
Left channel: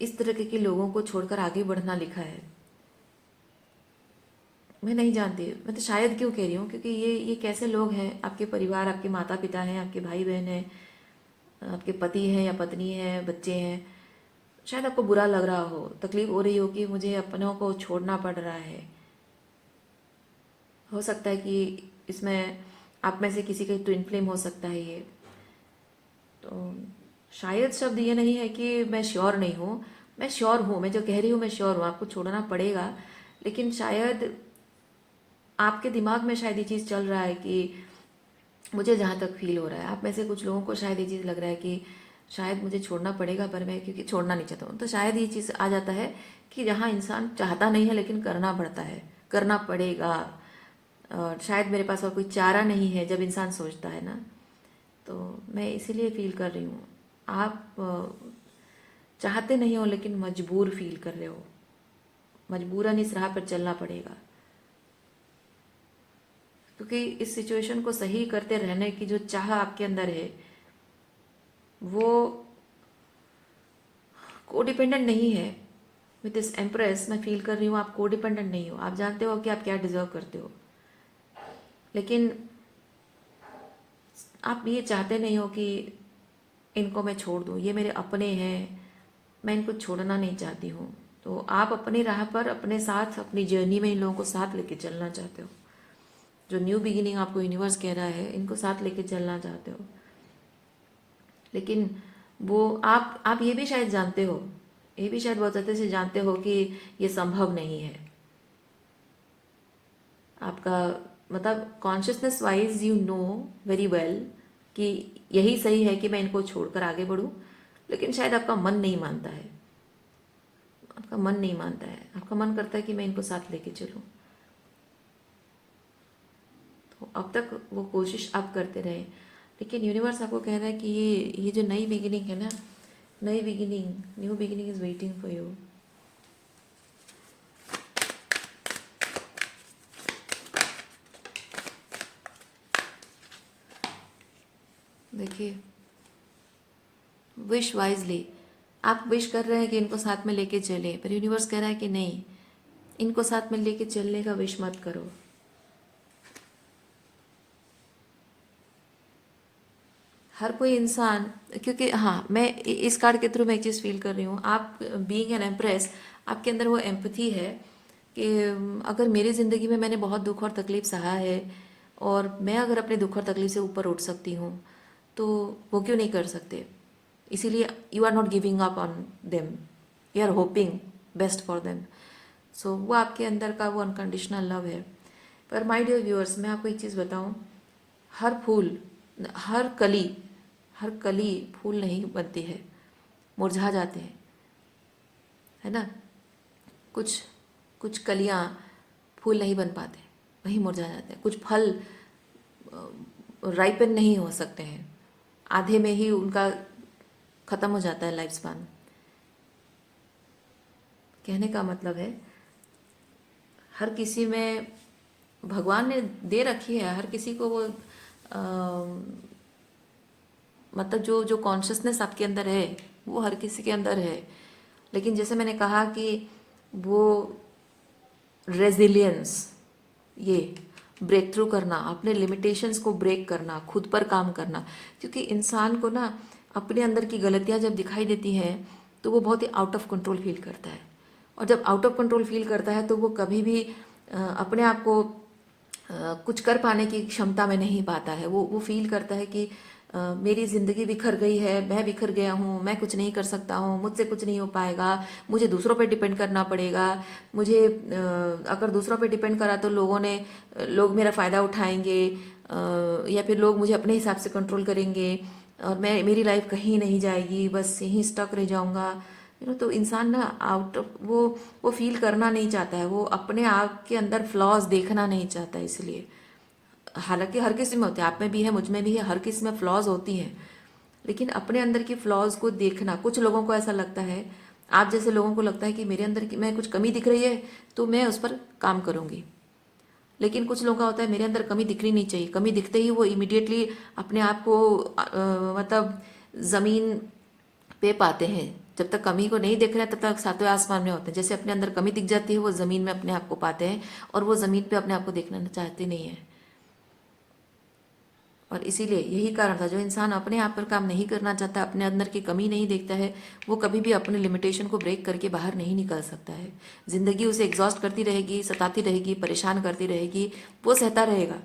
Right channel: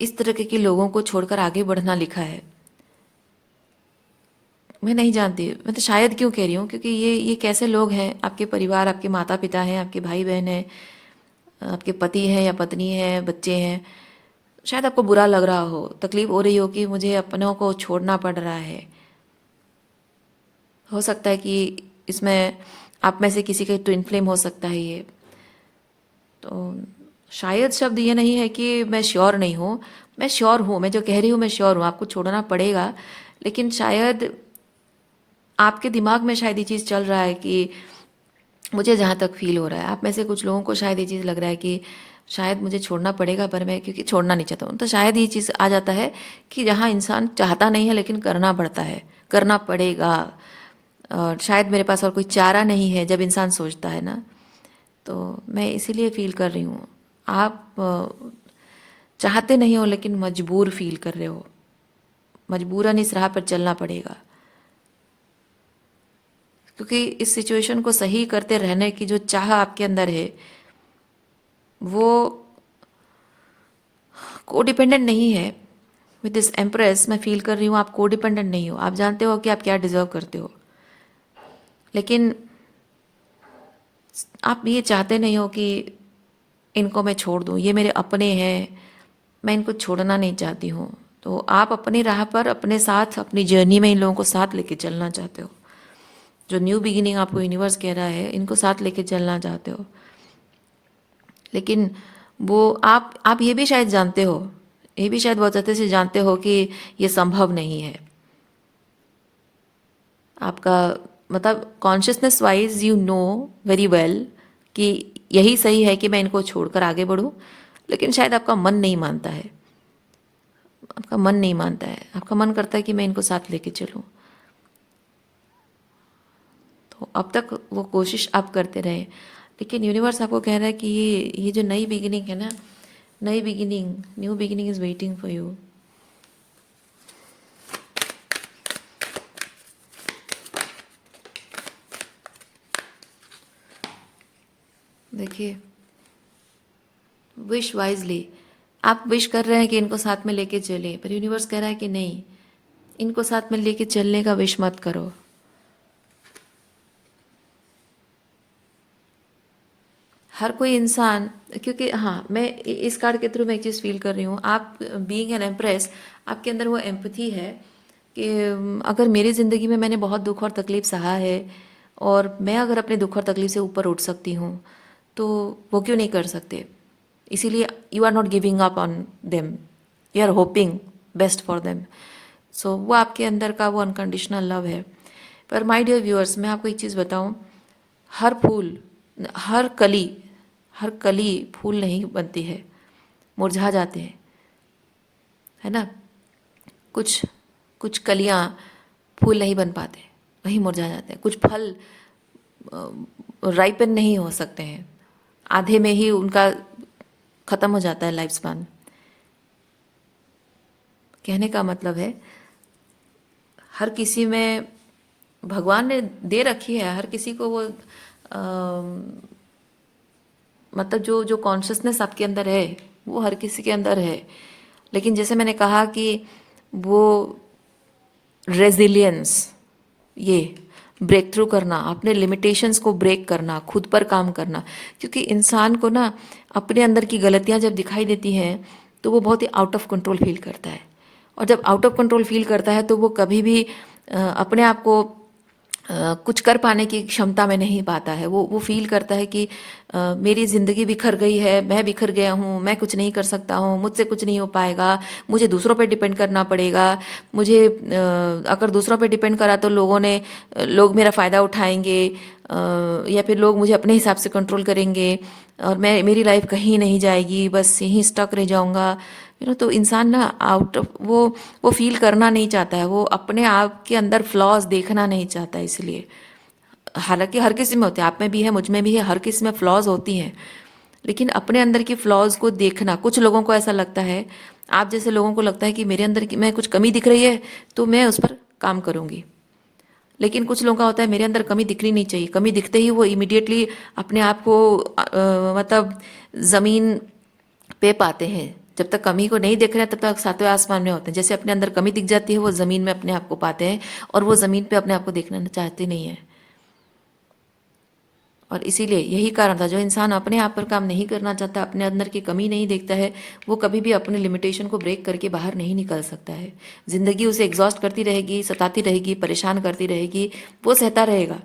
इस तरह के लोगों को छोड़कर आगे बढ़ना लिखा है। मैं नहीं जानती, मैं तो शायद क्यों कह रही हूँ, क्योंकि ये कैसे लोग हैं, आपके परिवार, आपके माता पिता हैं, आपके भाई बहन हैं, आपके पति हैं या पत्नी है, बच्चे हैं। शायद आपको बुरा लग रहा हो, तकलीफ हो रही हो कि मुझे अपनों को छोड़ना पड़ रहा है। हो सकता है कि इसमें आप में से किसी का ट्विन फ्लेम हो सकता है ये। तो शायद शब्द ये नहीं है कि मैं श्योर नहीं हूँ, मैं श्योर हूँ, मैं जो कह रही हूँ मैं श्योर हूँ, आपको छोड़ना पड़ेगा। लेकिन शायद आपके दिमाग में शायद ये चीज़ चल रहा है कि, मुझे जहाँ तक फील हो रहा है, आप में से कुछ लोगों को शायद ये चीज़ लग रहा है कि शायद मुझे छोड़ना पड़ेगा, पर मैं क्योंकि छोड़ना नहीं चाहता हूँ। तो शायद ये चीज़ आ जाता है कि जहाँ इंसान चाहता नहीं है लेकिन करना पड़ता है, करना पड़ेगा, और शायद मेरे पास और कोई चारा नहीं है, जब इंसान सोचता है ना। तो मैं इसीलिए फील कर रही हूँ, आप चाहते नहीं हो लेकिन मजबूर फील कर रहे हो, मजबूरन इस राह पर चलना पड़ेगा, क्योंकि इस सिचुएशन को सही करते रहने की जो चाह आपके अंदर है वो को डिपेंडेंट नहीं है, विद दिस एम्प्रेस मैं फील कर रही हूँ आप को डिपेंडेंट नहीं हो, आप जानते हो कि आप क्या डिजर्व करते हो, लेकिन आप ये चाहते नहीं हो कि इनको मैं छोड़ दूँ, ये मेरे अपने हैं, मैं इनको छोड़ना नहीं चाहती हूँ। तो आप अपनी राह पर अपने साथ अपनी जर्नी में इन लोगों को साथ लेके चलना चाहते हो। जो न्यू बिगिनिंग आपको यूनिवर्स कह रहा है, इनको साथ लेके चलना चाहते हो, लेकिन वो आप ये भी शायद जानते हो, ये भी शायद बहुत अच्छे से जानते हो कि ये संभव नहीं है। आपका मतलब consciousness wise you know very well कि यही सही है कि मैं इनको छोड़कर आगे बढ़ूं, लेकिन शायद आपका मन नहीं मानता है, आपका मन नहीं मानता है, आपका मन करता है कि मैं इनको साथ लेके चलूं। तो अब तक वो कोशिश आप करते रहे, लेकिन यूनिवर्स आपको कह रहा है कि ये जो नई बिगिनिंग है ना, नई beginning, new beginning is waiting for you. देखिए, विश वाइजली, आप विश कर रहे हैं कि इनको साथ में लेके चले, पर यूनिवर्स कह रहा है कि नहीं, इनको साथ में लेके चलने का विश मत करो। हर कोई इंसान, क्योंकि हाँ, मैं इस कार्ड के थ्रू मैं एक चीज़ फील कर रही हूँ, आप बीइंग एन एम्प्रेस, आपके अंदर वो एम्पथी है कि अगर मेरी ज़िंदगी में मैंने बहुत दुख और तकलीफ सहा है और मैं अगर अपने दुख और तकलीफ से ऊपर उठ सकती हूँ तो वो क्यों नहीं कर सकते। इसीलिए you are not giving up on them, you are hoping best for them. So वो आपके अंदर का वो अनकंडीशनल लव है। पर माय डियर व्यूअर्स, मैं आपको एक चीज़ बताऊं, हर फूल, हर कली, हर कली फूल नहीं बनती है, मुरझा जाते हैं, है ना। कुछ कुछ कलियां फूल नहीं बन पाते, वहीं मुरझा जाते हैं। कुछ फल राइपन नहीं हो सकते हैं, आधे में ही उनका ख़त्म हो जाता है लाइफ स्पान। कहने का मतलब है हर किसी में भगवान ने दे रखी है, हर किसी को वो मतलब जो जो कॉन्शियसनेस आपके अंदर है वो हर किसी के अंदर है, लेकिन जैसे मैंने कहा कि वो रेजिलियंस, ये ब्रेक थ्रू करना, अपने लिमिटेशंस को ब्रेक करना, खुद पर काम करना, क्योंकि इंसान को ना अपने अंदर की गलतियां जब दिखाई देती हैं तो वो बहुत ही आउट ऑफ कंट्रोल फील करता है, और जब आउट ऑफ कंट्रोल फील करता है तो वो कभी भी अपने आप को कुछ कर पाने की क्षमता में नहीं पाता है। वो फील करता है कि मेरी ज़िंदगी बिखर गई है, मैं बिखर गया हूँ, मैं कुछ नहीं कर सकता हूँ, मुझसे कुछ नहीं हो पाएगा, मुझे दूसरों पे डिपेंड करना पड़ेगा, मुझे अगर दूसरों पे डिपेंड करा तो लोग मेरा फ़ायदा उठाएंगे, या फिर लोग मुझे अपने हिसाब से कंट्रोल करेंगे और मेरी लाइफ कहीं नहीं जाएगी, बस यहीं स्टक रह जाऊँगा। तो इंसान ना वो फील करना नहीं चाहता है, वो अपने आप के अंदर फ्लॉज देखना नहीं चाहता है। इसलिए हालांकि हर किसी में होते हैं, आप में भी है, मुझ में भी है, हर किसी में फ्लॉज होती हैं, लेकिन अपने अंदर की फ्लॉज को देखना, कुछ लोगों को ऐसा लगता है, आप जैसे लोगों को लगता है कि मेरे अंदर की मैं कुछ कमी दिख रही है तो मैं उस पर काम करूंगी, लेकिन कुछ लोगों का होता है मेरे अंदर कमी दिखनी नहीं चाहिए, कमी दिखते ही वो इमिडिएटली अपने आप को मतलब ज़मीन पे पाते हैं। जब तक कमी को नहीं देख रहे हैं तब तक सातवें आसमान में होते हैं, जैसे अपने अंदर कमी दिख जाती है वो ज़मीन में अपने आप को पाते हैं और वो ज़मीन पे अपने आप को देखना चाहते नहीं है। और इसीलिए यही कारण था, जो इंसान अपने आप पर काम नहीं करना चाहता, अपने अंदर की कमी नहीं देखता है, वो कभी भी अपने लिमिटेशन को ब्रेक करके बाहर नहीं निकल सकता है। ज़िंदगी उसे एग्जॉस्ट करती रहेगी, सताती रहेगी, परेशान करती रहेगी, वो सहता रहेगा,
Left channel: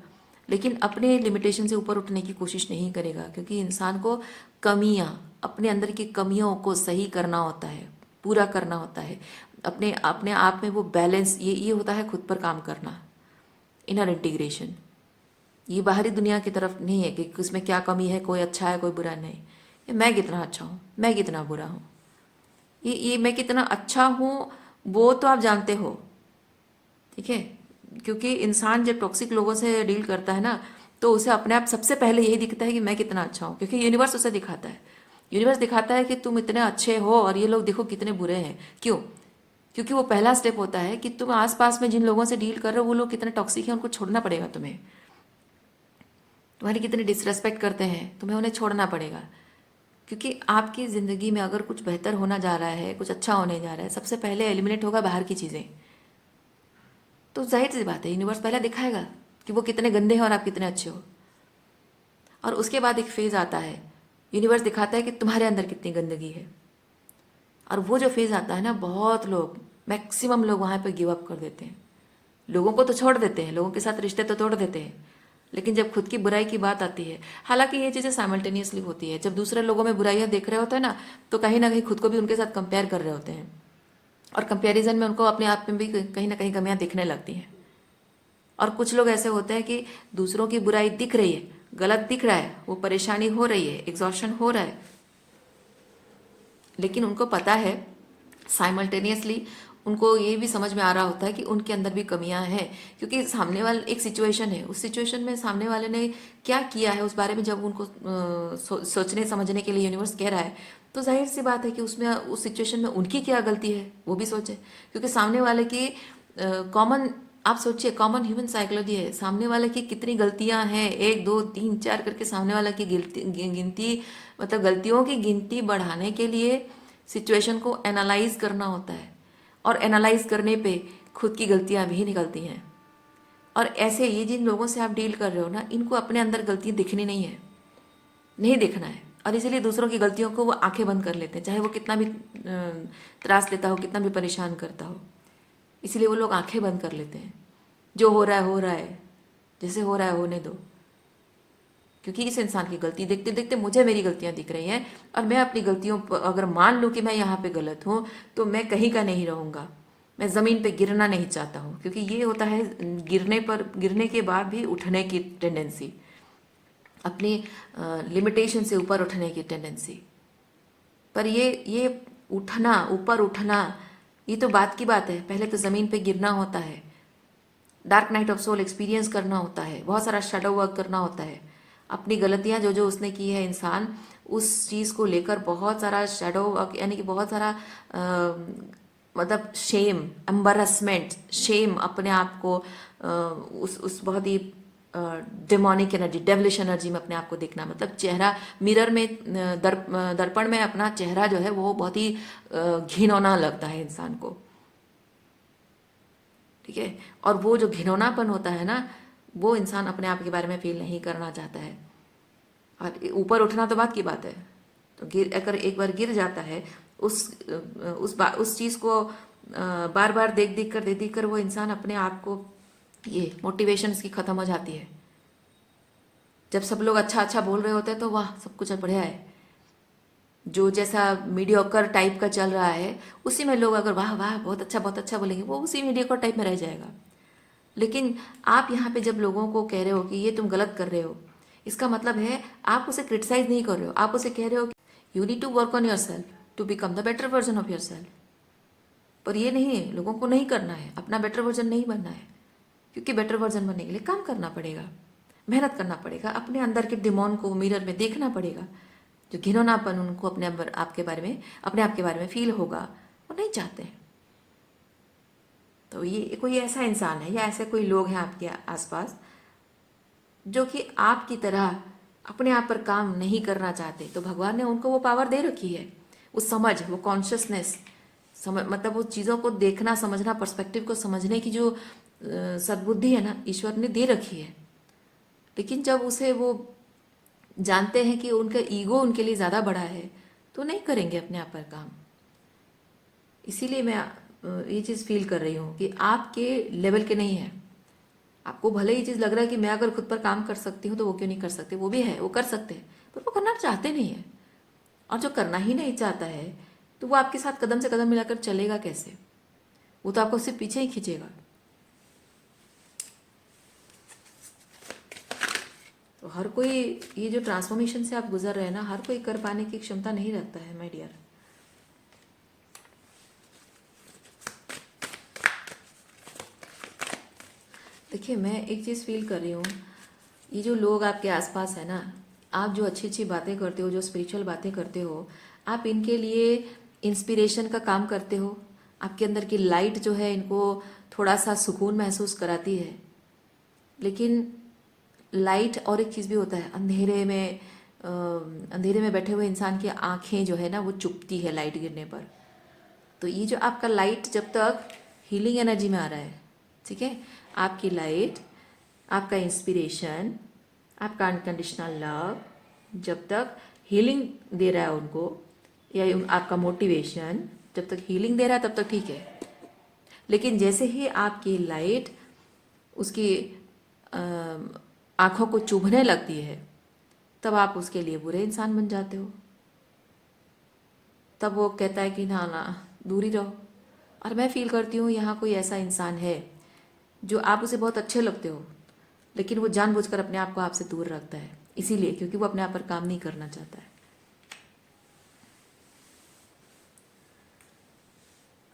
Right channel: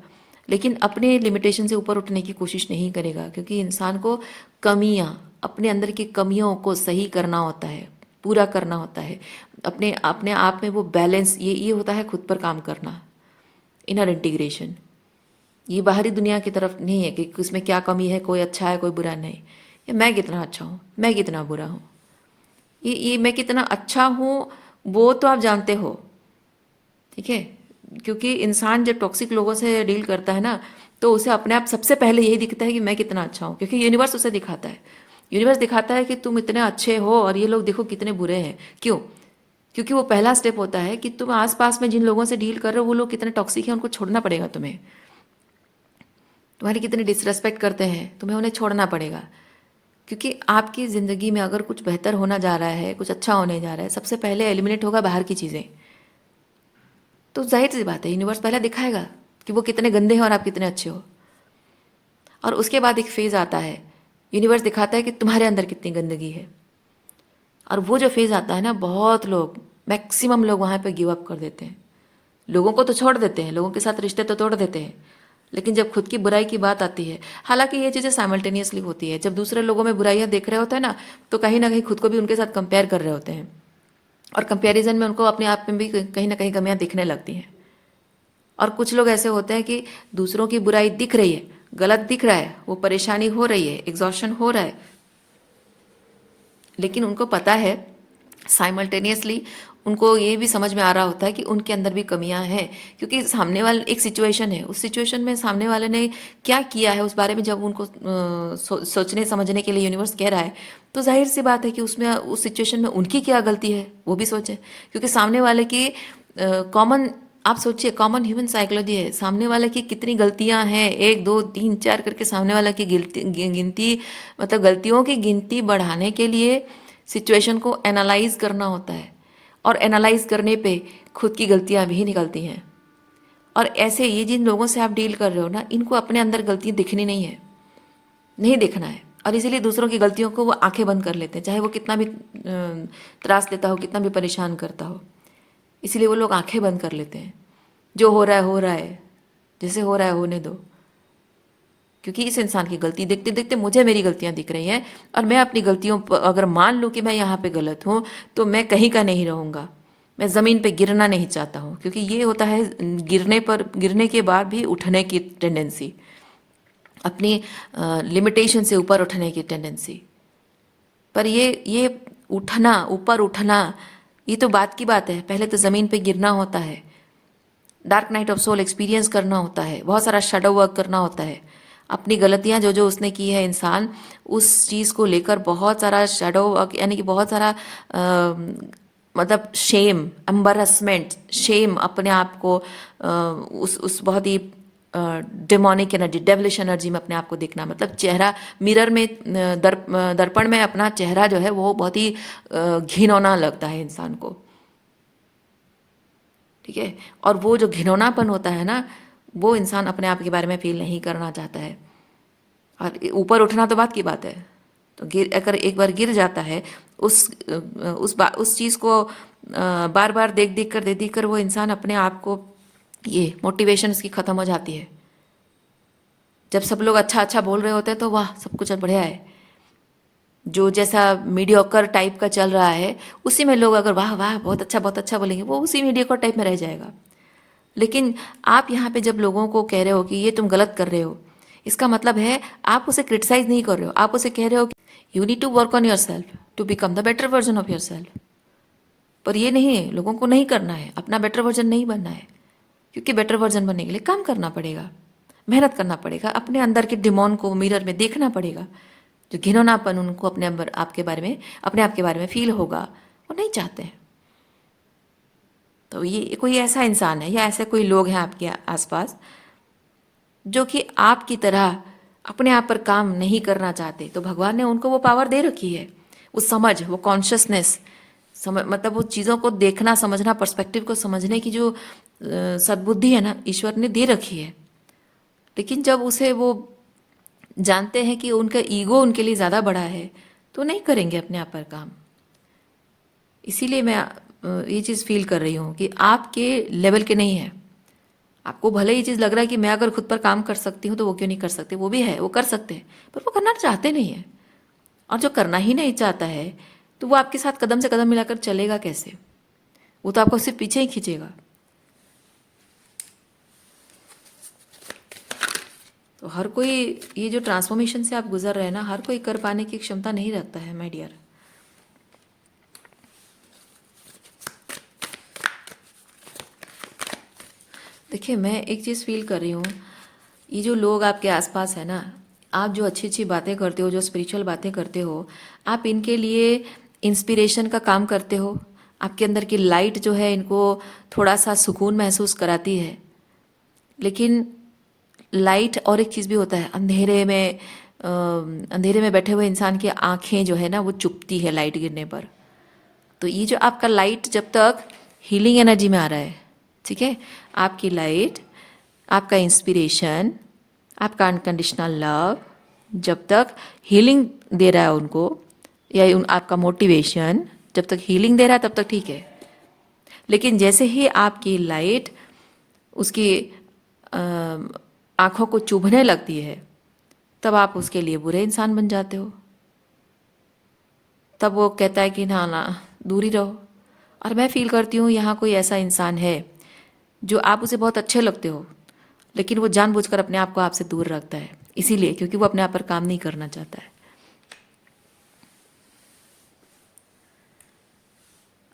लेकिन अपने लिमिटेशन से ऊपर उठने की कोशिश नहीं करेगा, क्योंकि इंसान को कमियां, अपने अंदर की कमियों को सही करना होता है, पूरा करना होता है, अपने अपने आप में वो बैलेंस, ये होता है खुद पर काम करना, इनर इंटीग्रेशन। ये बाहरी दुनिया की तरफ नहीं है कि उसमें क्या कमी है, कोई अच्छा है कोई बुरा नहीं, ये मैं कितना अच्छा हूँ, मैं कितना बुरा हूँ, ये मैं कितना अच्छा हूँ वो तो आप जानते हो, ठीक है। क्योंकि इंसान जब टॉक्सिक लोगों से डील करता है ना तो उसे अपने आप सबसे पहले यही दिखता है कि मैं कितना अच्छा हूँ, क्योंकि यूनिवर्स उसे दिखाता है, यूनिवर्स दिखाता है कि तुम इतने अच्छे हो और ये लोग देखो कितने बुरे हैं। क्यों? क्योंकि वो पहला स्टेप होता है कि तुम आसपास में जिन लोगों से डील कर रहे हो वो लोग कितने टॉक्सिक हैं, उनको छोड़ना पड़ेगा तुम्हें, तुम्हारी कितनी डिसरेस्पेक्ट करते हैं, तुम्हें उन्हें छोड़ना पड़ेगा। क्योंकि आपकी ज़िंदगी में अगर कुछ बेहतर होना जा रहा है, कुछ अच्छा होने जा रहा है, सबसे पहले एलिमिनेट होगा बाहर की चीज़ें। तो जाहिर सी बात है, यूनिवर्स पहले दिखाएगा कि वो कितने गंदे हैं और आप कितने अच्छे हो। और उसके बाद एक फेज़ आता है, यूनिवर्स दिखाता है कि तुम्हारे अंदर कितनी गंदगी है। और वो जो फेज़ आता है ना, बहुत लोग, मैक्सिमम लोग वहाँ पे गिव अप कर देते हैं। लोगों को तो छोड़ देते हैं, लोगों के साथ रिश्ते तो तोड़ देते हैं, लेकिन जब खुद की बुराई की बात आती है, हालांकि ये चीज़ें साइमल्टेनियसली होती है। जब दूसरे लोगों में बुराइयां देख रहे होते हैं ना कहीं खुद को भी उनके साथ कंपेयर कर रहे होते हैं, और कंपैरिजन में उनको अपने आप में भी कहीं ना कहीं कमियां दिखने लगती हैं। और कुछ लोग ऐसे होते हैं कि दूसरों की बुराई दिख रही है, गलत दिख रहा है, वो परेशानी हो रही है, एग्जॉशन हो रहा है, लेकिन उनको पता है साइमल्टेनियसली, उनको ये भी समझ में आ रहा होता है कि उनके अंदर भी कमियां हैं। क्योंकि सामने वाले एक सिचुएशन है, उस सिचुएशन में सामने वाले ने क्या किया है उस बारे में जब उनको सोचने समझने के लिए यूनिवर्स कह रहा है, तो जाहिर सी बात है कि उसमें उस सिचुएशन में उनकी क्या गलती है वो भी सोचें। क्योंकि सामने वाले की कॉमन, आप सोचिए, कॉमन ह्यूमन साइकोलॉजी है, सामने वाले की कितनी गलतियां हैं, एक दो तीन चार करके सामने वाला की गिनती, मतलब गलतियों की गिनती बढ़ाने के लिए सिचुएशन को एनालाइज करना होता है, और एनालाइज करने पे खुद की गलतियां भी निकलती हैं। और ऐसे ये जिन लोगों से आप डील कर रहे हो ना, इनको अपने अंदर गलतियां दिखनी नहीं है, नहीं देखना है, और इसीलिए दूसरों की गलतियों को वो आंखें बंद कर लेते हैं, चाहे वो कितना भी त्रास देता हो, कितना भी परेशान करता हो। इसीलिए वो लोग आंखें बंद कर लेते हैं, जो हो रहा है, जैसे हो रहा है होने दो। क्योंकि इस इंसान की गलती देखते देखते मुझे मेरी गलतियां दिख रही हैं, और मैं अपनी गलतियों पर अगर मान लूँ कि मैं यहाँ पे गलत हूँ, तो मैं कहीं का नहीं रहूँगा। मैं ज़मीन पे गिरना नहीं चाहता हूँ, क्योंकि ये होता है गिरने के बाद भी उठने की टेंडेंसी, अपनी लिमिटेशन से ऊपर उठने की टेंडेंसी। पर ये उठना, ऊपर उठना, ये तो बात की बात है। पहले तो ज़मीन पे गिरना होता है, dark night of soul experience करना होता है, बहुत सारा शेडो वर्क करना होता है। अपनी गलतियां जो जो उसने की है, इंसान उस चीज़ को लेकर बहुत सारा शेडो वर्क, यानी कि बहुत सारा मतलब शेम, एम्बरसमेंट, शेम, अपने आप को उस बहुत ही डेमोनिक एनर्जी, डेवलिश एनर्जी में अपने आप को देखना, मतलब चेहरा मिरर में, दर्पण में अपना चेहरा जो है वो बहुत ही घिनौना लगता है इंसान को। ठीक है, और वो जो घिनौनापन होता है ना, वो इंसान अपने आप के बारे में फील नहीं करना चाहता है। और ऊपर उठना तो बात की बात है, तो अगर एक बार गिर जाता है, उस चीज़ को बार बार देख देख कर वो इंसान अपने आप को, ये मोटिवेशन इसकी ख़त्म हो जाती है। जब सब लोग अच्छा अच्छा बोल रहे होते हैं तो वाह सब कुछ बढ़िया है, जो जैसा मीडियोकर टाइप का चल रहा है उसी में लोग अगर वाह वाह बहुत अच्छा बोलेंगे, वो उसी मीडियोकर टाइप में रह जाएगा। लेकिन आप यहाँ पे जब लोगों को कह रहे हो कि ये तुम गलत कर रहे हो, इसका मतलब है आप उसे क्रिटिसाइज नहीं कर रहे हो, आप उसे कह रहे हो कि you need to work on yourself to become the better version of yourself. पर ये नहीं है, लोगों को नहीं करना है, अपना बेटर वर्जन नहीं बनना है, क्योंकि बेटर वर्जन बनने के लिए काम करना पड़ेगा, मेहनत करना पड़ेगा, अपने अंदर के डिमोन को मिरर में देखना पड़ेगा। जो घिनौनापन उनको अपने अंदर अपने आप के बारे में फील होगा, वो नहीं चाहते हैं। तो ये कोई ऐसा इंसान है या ऐसे कोई लोग हैं आपके आसपास जो कि आपकी तरह अपने आप पर काम नहीं करना चाहते, तो भगवान ने उनको वो पावर दे रखी है, वो समझ, वो कॉन्शियसनेस, मतलब वो चीज़ों को देखना, समझना, पर्सपेक्टिव को समझने की जो सद्बुद्धि है ना, ईश्वर ने दे रखी है। लेकिन जब उसे वो जानते हैं कि उनका ईगो उनके लिए ज़्यादा बड़ा है, तो नहीं करेंगे अपने आप पर काम। इसीलिए मैं ये चीज़ फील कर रही हूँ कि आपके लेवल के नहीं है। आपको भले ये चीज़ लग रहा है कि मैं अगर खुद पर काम कर सकती हूँ तो वो क्यों नहीं कर सकते, वो भी है, वो कर सकते हैं, पर वो करना चाहते नहीं है। और जो करना ही नहीं चाहता है, तो वो आपके साथ कदम से कदम मिलाकर चलेगा कैसे? वो तो आपको सिर्फ पीछे ही खींचेगा। तो हर कोई, ये जो ट्रांसफॉर्मेशन से आप गुजर रहे हैं ना, हर कोई कर पाने की क्षमता नहीं रखता है माय डियर। देखिए, मैं एक चीज़ फील कर रही हूँ, ये जो लोग आपके आसपास है ना, आप जो अच्छी अच्छी बातें करते हो, जो स्पिरिचुअल बातें करते हो, आप इनके लिए इंस्पिरेशन का काम करते हो। आपके अंदर की लाइट जो है इनको थोड़ा सा सुकून महसूस कराती है। लेकिन लाइट और एक चीज़ भी होता है, अंधेरे में अंधेरे में बैठे हुए इंसान की आंखें जो है ना वो चुभती है लाइट गिरने पर। तो ये जो आपका लाइट जब तक हीलिंग एनर्जी में आ रहा है, ठीक है, आपकी लाइट, आपका इंस्पिरेशन, आपका अनकंडीशनल लव जब तक हीलिंग दे रहा है उनको, या आपका मोटिवेशन जब तक हीलिंग दे रहा है तब तक ठीक है। लेकिन जैसे ही आपकी लाइट उसकी आंखों को चुभने लगती है, तब आप उसके लिए बुरे इंसान बन जाते हो। तब वो कहता है कि ना ना दूर ही रहो। और मैं फील करती हूँ यहाँ कोई ऐसा इंसान है जो आप उसे बहुत अच्छे लगते हो, लेकिन वो जानबूझकर अपने आप को आपसे दूर रखता है, इसीलिए क्योंकि वो अपने आप पर काम नहीं करना चाहता है।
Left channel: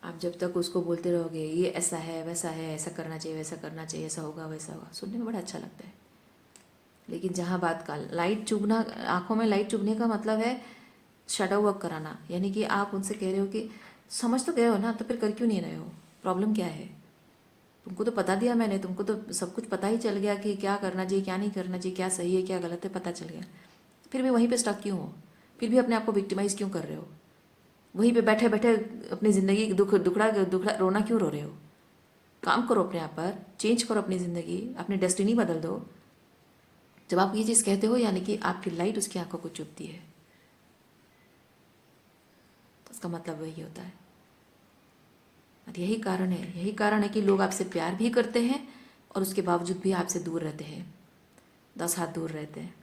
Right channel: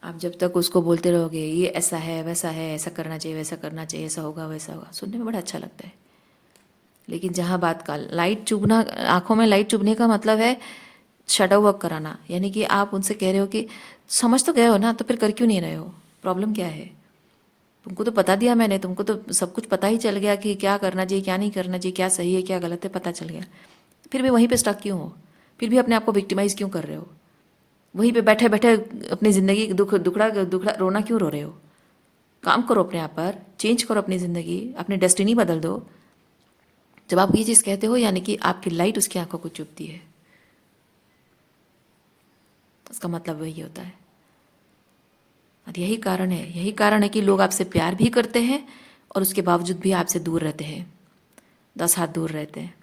आप जब तक उसको बोलते रहोगे ये ऐसा है वैसा है, ऐसा करना चाहिए वैसा करना चाहिए, ऐसा होगा वैसा होगा, सुनने में बड़ा अच्छा लगता है। लेकिन जहाँ बात का लाइट चुभना, आंखों में लाइट चुभने का मतलब है शैडो वर्क कराना, यानी कि आप उनसे कह रहे हो कि समझ तो गए हो ना, तो फिर कर क्यों नहीं रहे हो, प्रॉब्लम क्या है, तुमको तो बता दिया मैंने, तुमको तो सब कुछ पता ही चल गया कि क्या करना चाहिए क्या नहीं करना चाहिए, क्या सही है क्या गलत है, पता चल गया, फिर भी वहीं पे स्टक क्यों हो, फिर भी अपने आप को विक्टिमाइज क्यों कर रहे हो, वहीं पे बैठे बैठे अपनी ज़िंदगी दुखड़ा दुखड़ा रोना क्यों रो रहे हो। काम करो अपने आप पर, चेंज करो अपनी ज़िंदगी, अपनी डेस्टिनी बदल दो। जब आप ये चीज़ कहते हो यानी कि आपकी लाइट उसकी आंखों को चुभती है, उसका मतलब वही होता है। और यही कारण है कि लोग आपसे प्यार भी करते हैं और उसके बावजूद भी आपसे दूर रहते हैं, 10 हाथ दूर रहते हैं।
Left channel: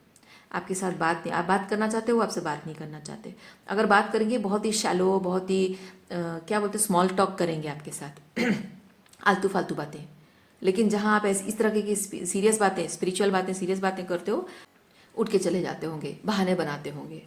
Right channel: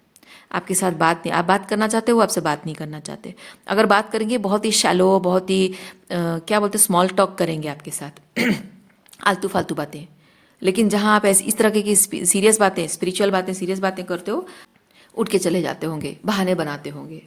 आपके साथ बात नहीं, आप बात करना चाहते हो, वो आपसे बात नहीं करना चाहते। अगर बात करेंगे बहुत ही शैलो, बहुत ही क्या बोलते, स्मॉल टॉक करेंगे आपके साथ आलतू फालतू बातें। लेकिन जहाँ आप ऐसी इस तरह की सीरियस बातें, स्पिरिचुअल बातें, सीरियस बातें करते हो, उठ के चले जाते होंगे, बहाने बनाते होंगे।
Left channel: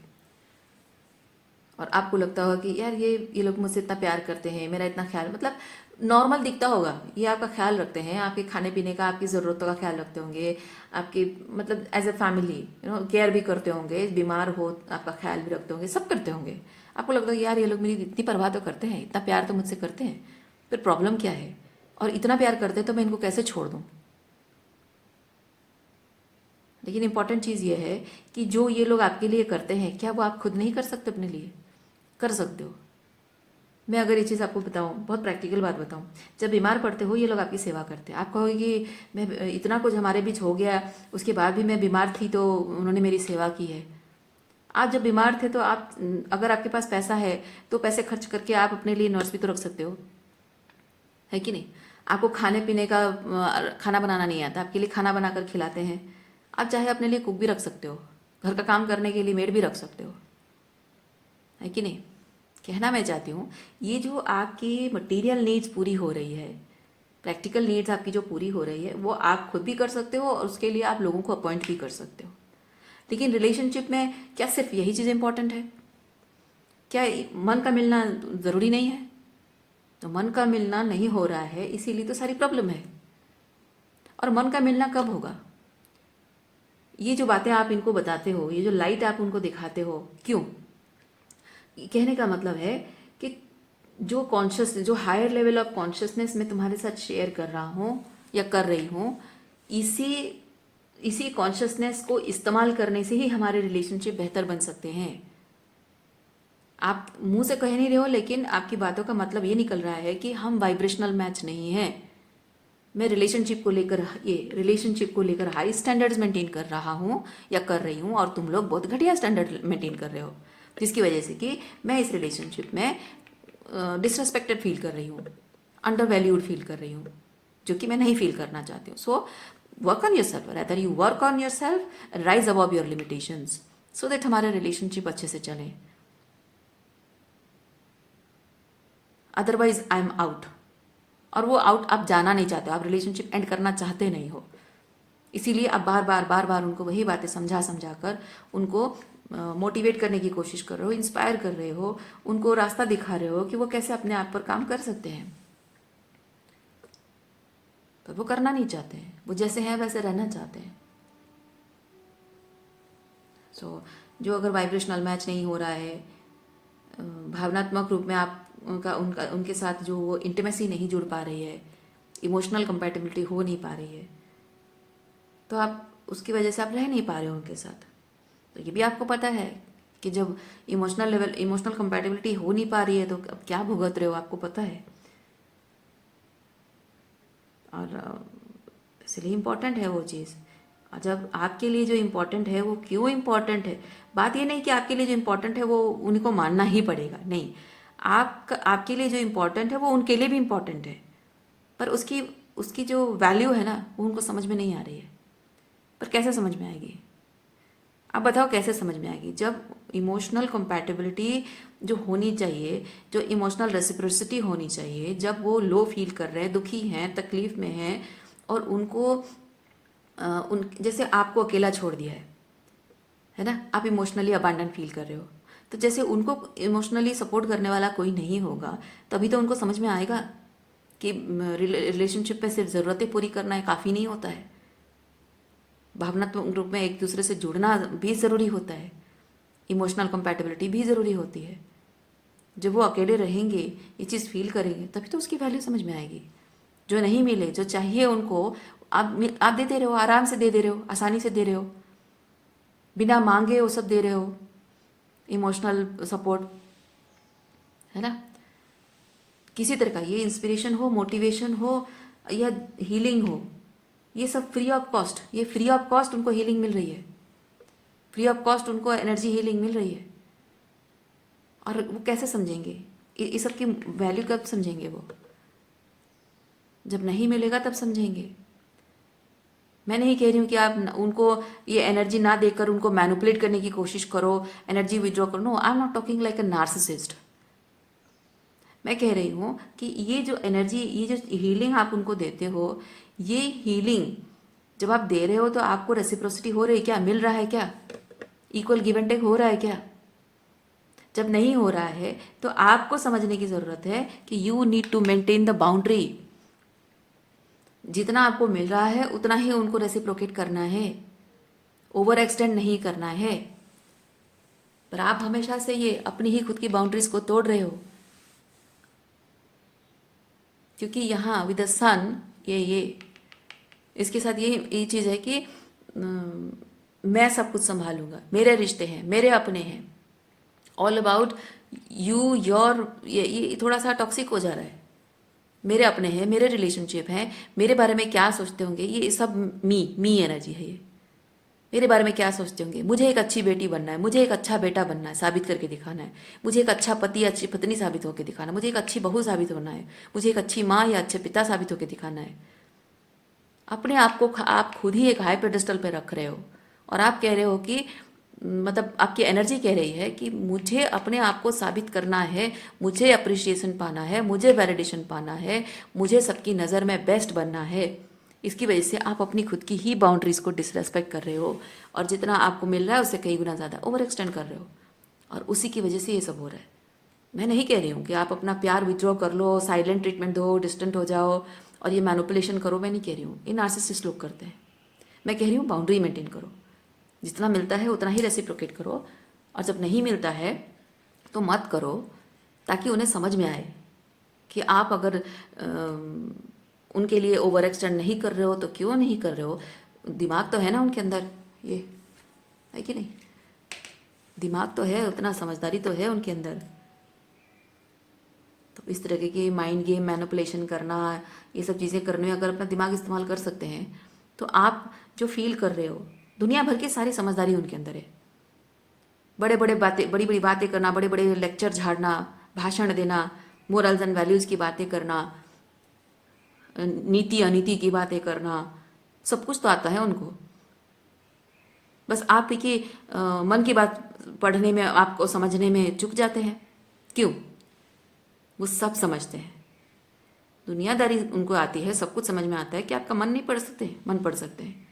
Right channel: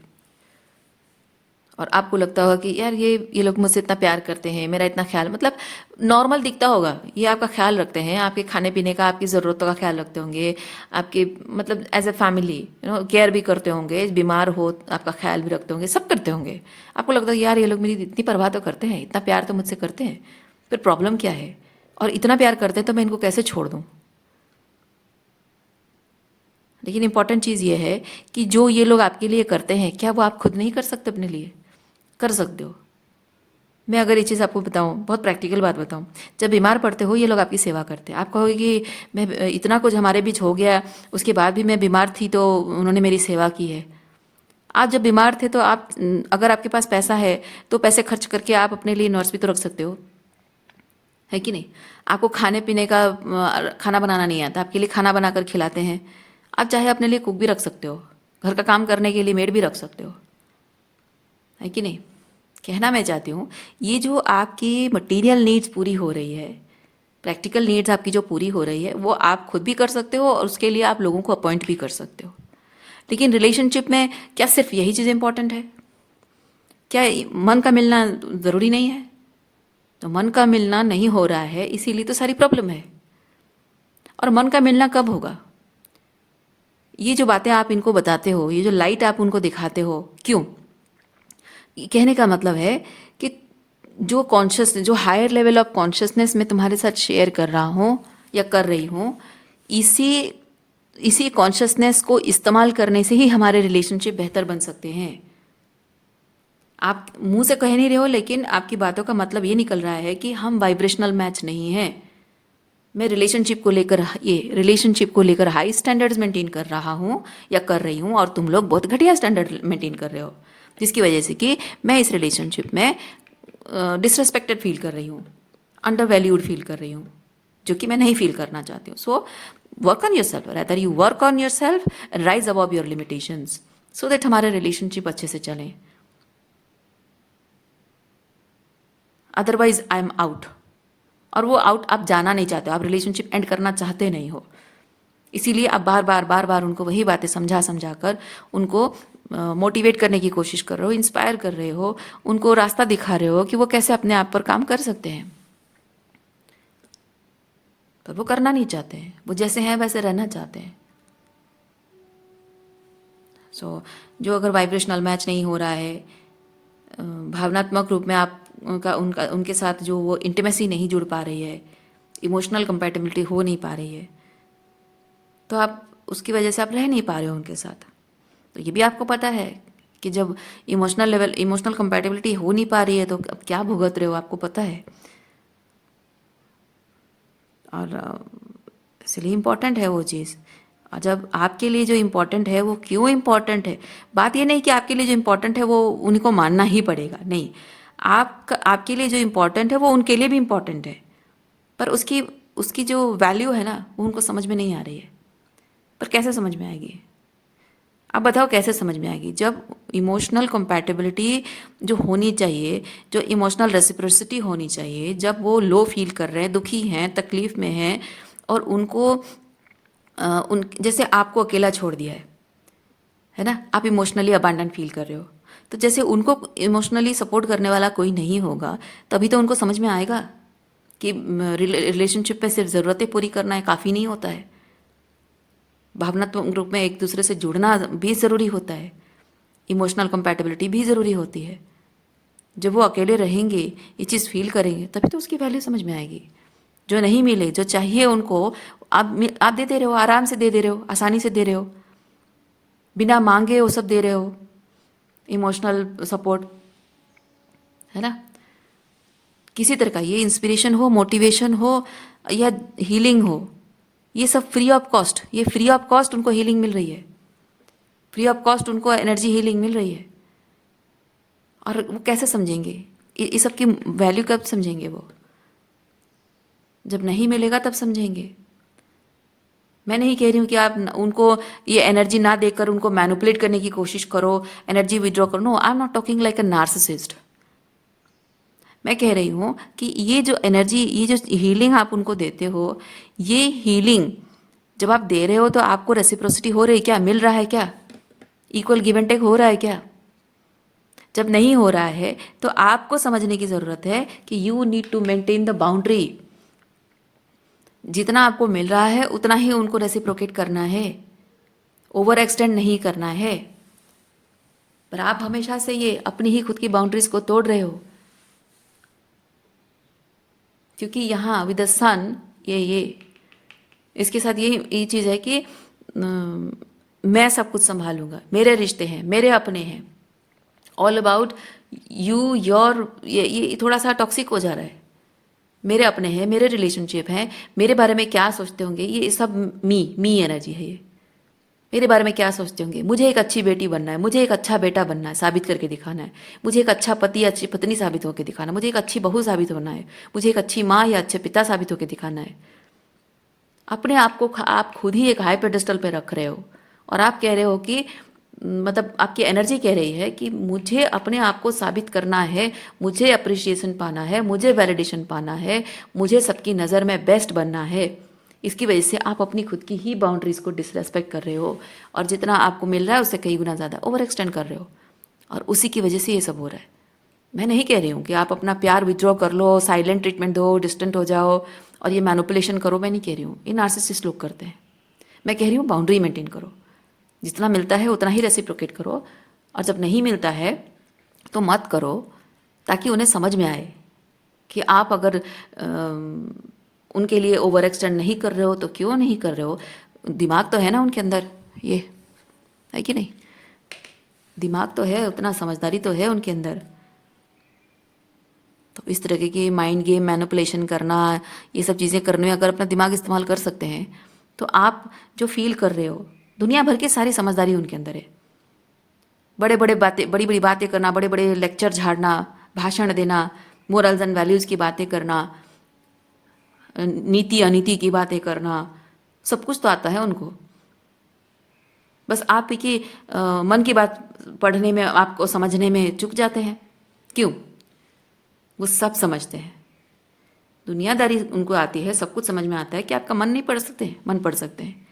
और आपको लगता होगा कि यार ये लोग मुझसे इतना प्यार करते हैं, मेरा इतना ख्याल, मतलब नॉर्मल दिखता होगा, ये आपका ख्याल रखते हैं, आपके खाने पीने का, आपकी ज़रूरतों का ख्याल रखते होंगे, आपके मतलब एज ए फैमिली केयर भी करते होंगे, बीमार हो आपका ख्याल भी रखते होंगे, सब करते होंगे। आपको लगता है यार ये लोग मेरी इतनी परवाह तो करते हैं, इतना प्यार तो मुझसे करते हैं, फिर प्रॉब्लम क्या है, और इतना प्यार करते हैं तो मैं इनको कैसे छोड़ दूँ। लेकिन इंपॉर्टेंट चीज़ ये है कि जो ये लोग आपके लिए करते हैं, क्या वो आप खुद नहीं कर सकते अपने लिए? कर सकते हो। मैं अगर ये चीज़ आपको बताऊं, बहुत प्रैक्टिकल बात बताऊं, जब बीमार पड़ते हो ये लोग आपकी सेवा करते हैं। आप कहोगे कि मैं इतना कुछ हमारे बीच हो गया, उसके बाद भी मैं बीमार थी तो उन्होंने मेरी सेवा की है। आप जब बीमार थे तो आप, अगर आपके पास पैसा है तो पैसे खर्च करके आप अपने लिए नर्स भी तो रख सकते हो, है कि नहीं। आपको खाने पीने का खाना बनाना नहीं आता, आपके लिए खाना बनाकर खिलाते हैं। आप चाहे अपने लिए कुक भी रख सकते हो, घर का काम करने के लिए मेड भी रख सकते हो, है कि नहीं। कहना मैं चाहती हूँ, ये जो आपकी मटेरियल नीड्स पूरी हो रही है, प्रैक्टिकल नीड्स आपकी जो पूरी हो रही है, वो आप खुद भी कर सकते हो और उसके लिए आप लोगों को अपॉइंट भी कर सकते हो। लेकिन रिलेशनशिप में क्या सिर्फ यही चीज़ इंपॉर्टेंट है? क्या मन का मिलना ज़रूरी नहीं है? तो मन का मिलना नहीं हो रहा है, इसीलिए तो सारी प्रॉब्लम है। और मन का मिलना कब होगा? ये जो बातें आप इनको बताते हो, ये जो लाइट आप उनको दिखाते हो, क्यों? कहने का मतलब है कि जो कॉन्शियस, जो हायर लेवल ऑफ कॉन्शियसनेस मैं तुम्हारे साथ शेयर कर रहा हूँ या कर रही हूँ, इसी इसी कॉन्शियसनेस को इस्तेमाल करने से ही हमारे रिलेशनशिप बेहतर बन सकते हैं। आप मुंह से कह नहीं रहे हो, लेकिन आपकी बातों का मतलब ये निकल रहा है कि हम वाइब्रेशनल मैच नहीं हैं। मैं रिलेशनशिप को लेकर हाई स्टैंडर्ड्स मेंटेन कर रहा हूँ या कर रही हूँ, और तुम लोग बहुत घटिया स्टैंडर्ड मेंटेन कर रहे हो, जिसकी वजह से कि मैं इस रिलेशनशिप में डिसरेस्पेक्टेड फील कर रही हूँ, अंडर वैल्यूड फील कर रही हूँ, जो कि मैं नहीं फील करना चाहती हूँ। So work on your self, rather you work on your self, rise above your limitations, so that हमारे रिलेशनशिप अच्छे से चलें। अदरवाइज आई एम आउट, और वो आउट आप जाना नहीं चाहते हो, आप रिलेशनशिप एंड करना चाहते नहीं हो। इसीलिए आप बार बार उनको वही बातें समझा समझा कर उनको मोटिवेट करने की कोशिश कर रहे हो, इंस्पायर कर रहे हो, उनको रास्ता दिखा रहे हो कि वो कैसे अपने आप पर काम कर सकते हैं। पर वो करना नहीं चाहते हैं, वो जैसे हैं वैसे रहना चाहते हैं। सो जो अगर वाइब्रेशनल मैच नहीं हो रहा है, भावनात्मक रूप में आप उनके साथ जो वो इंटीमेसी नहीं जुड़ पा रही है, इमोशनल कंपैटिबिलिटी हो नहीं पा रही है, तो आप उसकी वजह से आप रह नहीं पा रहे हो उनके साथ। तो ये भी आपको पता है कि जब इमोशनल कंपैटिबिलिटी हो नहीं पा रही है तो अब क्या भुगत रहे हो, आपको पता है। और इसलिए इम्पॉर्टेंट है वो चीज़। और जब आपके लिए जो इम्पोर्टेंट है वो क्यों इम्पोर्टेंट है, बात ये नहीं कि आपके लिए जो इम्पोर्टेंट है वो उनको मानना ही पड़ेगा, नहीं। आपके लिए जो इम्पोर्टेंट है वो उनके लिए भी इम्पोर्टेंट है, पर उसकी उसकी जो वैल्यू है ना वो उनको समझ में नहीं आ रही है। पर कैसे समझ में आएगी? आप बताओ कैसे समझ में आएगी? जब इमोशनल कंपैटिबिलिटी जो होनी चाहिए, जो इमोशनल रेसिप्रोसिटी होनी चाहिए, जब वो लो फील कर रहे हैं, दुखी हैं, तकलीफ में हैं, और उनको उन जैसे आपको अकेला छोड़ दिया है ना, आप इमोशनली अबांडन फील कर रहे हो, तो जैसे उनको इमोशनली सपोर्ट करने वाला कोई नहीं होगा, तभी तो उनको समझ में आएगा कि रिलेशनशिप में सिर्फ ज़रूरतें पूरी करना है काफ़ी नहीं होता है, भावनात्मक रूप में एक दूसरे से जुड़ना भी ज़रूरी होता है, इमोशनल कंपैटिबिलिटी भी ज़रूरी होती है। जब वो अकेले रहेंगे, ये चीज़ फील करेंगे, तभी तो उसकी वैल्यू समझ में आएगी। जो नहीं मिले, जो चाहिए उनको, आप देते रहे हो, आराम से दे रहे हो, आसानी से दे रहे हो, बिना मांगे वो सब दे रहे हो, इमोशनल सपोर्ट, है ना। किसी तरह का, ये इंस्पिरेशन हो, मोटिवेशन हो, या हीलिंग हो, ये सब फ्री ऑफ कॉस्ट, ये फ्री ऑफ कॉस्ट उनको हीलिंग मिल रही है, फ्री ऑफ कॉस्ट उनको एनर्जी हीलिंग मिल रही है। और वो कैसे समझेंगे इस सब की वैल्यू? कब समझेंगे वो? जब नहीं मिलेगा तब समझेंगे। मैं नहीं कह रही हूँ कि आप उनको ये एनर्जी ना देकर उनको मैनिपुलेट करने की कोशिश करो, एनर्जी विड्रॉ करो। No, I am not talking like a narcissist. मैं कह रही हूँ कि ये जो एनर्जी, ये जो हीलिंग आप उनको देते हो, ये हीलिंग जब आप दे रहे हो तो आपको रेसिप्रोसिटी हो रही है क्या? मिल रहा है क्या? इक्वल गिव एंड टेक हो रहा है क्या? जब नहीं हो रहा है तो आपको समझने की ज़रूरत है कि you need to maintain the boundary. जितना आपको मिल रहा है उतना ही उनको रेसिप्रोकेट करना है, ओवर एक्सटेंड नहीं करना है। पर आप हमेशा से ये अपनी ही खुद की बाउंड्रीज को तोड़ रहे हो, क्योंकि यहाँ विद द सन, ये इसके साथ ये चीज़ है कि मैं सब कुछ संभालूंगा, मेरे रिश्ते हैं, मेरे अपने हैं, ऑल अबाउट यू योर, ये थोड़ा सा टॉक्सिक हो जा रहा है। मेरे अपने हैं, मेरे रिलेशनशिप हैं, मेरे बारे में क्या सोचते होंगे, ये सब मी एनर्जी है। ये मेरे बारे में क्या सोचते होंगे, मुझे एक अच्छी बेटी बनना है, मुझे एक अच्छा बेटा बनना है, साबित करके दिखाना है, मुझे एक अच्छा पति, अच्छी पत्नी साबित होकर दिखाना है, मुझे एक अच्छी बहू साबित होना है, मुझे एक अच्छी माँ या अच्छे पिता साबित होकर दिखाना है। अपने आप को आप खुद ही एक हाई पेडेस्टल पे रख रहे हो, और आप कह रहे हो कि मतलब आपकी एनर्जी कह रही है कि मुझे अपने आप को साबित करना है, मुझे अप्रिशिएशन पाना है, मुझे वैलिडेशन पाना है, मुझे सबकी नज़र में बेस्ट बनना है। इसकी वजह से आप अपनी खुद की ही बाउंड्रीज़ को डिसरेस्पेक्ट कर रहे हो, और जितना आपको मिल रहा है उससे कई गुना ज़्यादा ओवर एक्सटेंड कर रहे हो, और उसी की वजह से ये सब हो रहा है। मैं नहीं कह रही हूँ कि आप अपना प्यार विथड्रॉ कर लो, साइलेंट ट्रीटमेंट दो, डिस्टेंट हो जाओ और ये मैनिपुलेशन करो, मैं नहीं कह रही हूँ, ये नार्सिसिस्ट लोग करते हैं। मैं कह रही हूँ बाउंड्री मेंटेन करो, जितना मिलता है उतना ही रेसिप्रोकेट करो, और जब नहीं मिलता है तो मत करो, ताकि उन्हें समझ में आए कि आप अगर उनके लिए ओवर एक्सटेंड नहीं कर रहे हो तो क्यों नहीं कर रहे हो। दिमाग तो है ना उनके अंदर, ये है कि नहीं? दिमाग तो है, उतना समझदारी तो है उनके अंदर। तो इस तरह के माइंड गेम, मैनिपुलेशन करना, ये सब चीज़ें करने में अगर अपना दिमाग इस्तेमाल कर सकते हैं, तो आप जो फील कर रहे हो, दुनिया भर की सारी समझदारी उनके अंदर है। बड़ी बड़ी बातें करना, बड़े बड़े लेक्चर झाड़ना, भाषण देना, मोरल्स एंड वैल्यूज़ की बातें करना, नीति अनीति की बातें करना, सब कुछ तो आता है उनको। बस आप की मन की बात पढ़ने में, आपको समझने में चूक जाते हैं। क्यों? वो सब समझते हैं, दुनियादारी उनको आती है, सब कुछ समझ में आता है कि आपका मन नहीं पढ़ सकते, मन पढ़ सकते हैं,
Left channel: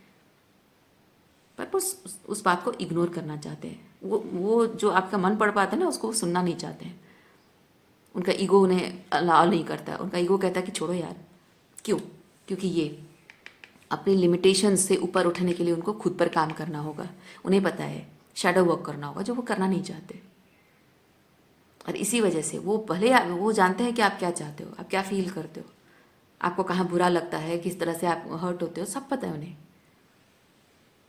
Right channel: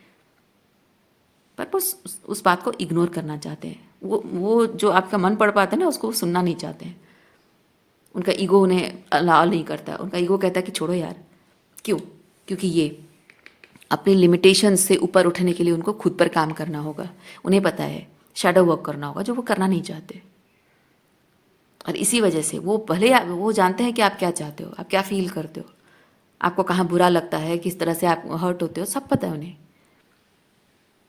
पर वो उस बात को इग्नोर करना चाहते हैं। वो जो आपका मन पढ़ पाता है ना, उसको सुनना नहीं चाहते हैं। उनका ईगो उन्हें अलाउ नहीं करता, उनका ईगो कहता है कि छोड़ो यार। क्यों? क्योंकि ये अपनी लिमिटेशन से ऊपर उठने के लिए उनको खुद पर काम करना होगा। उन्हें पता है शैडो वर्क करना होगा, जो वो करना नहीं चाहते। और इसी वजह से वो भले वो जानते हैं कि आप क्या चाहते हो, आप क्या फील करते हो, आपको कहाँ बुरा लगता है, किस तरह से आप हर्ट होते हो, सब पता है उन्हें।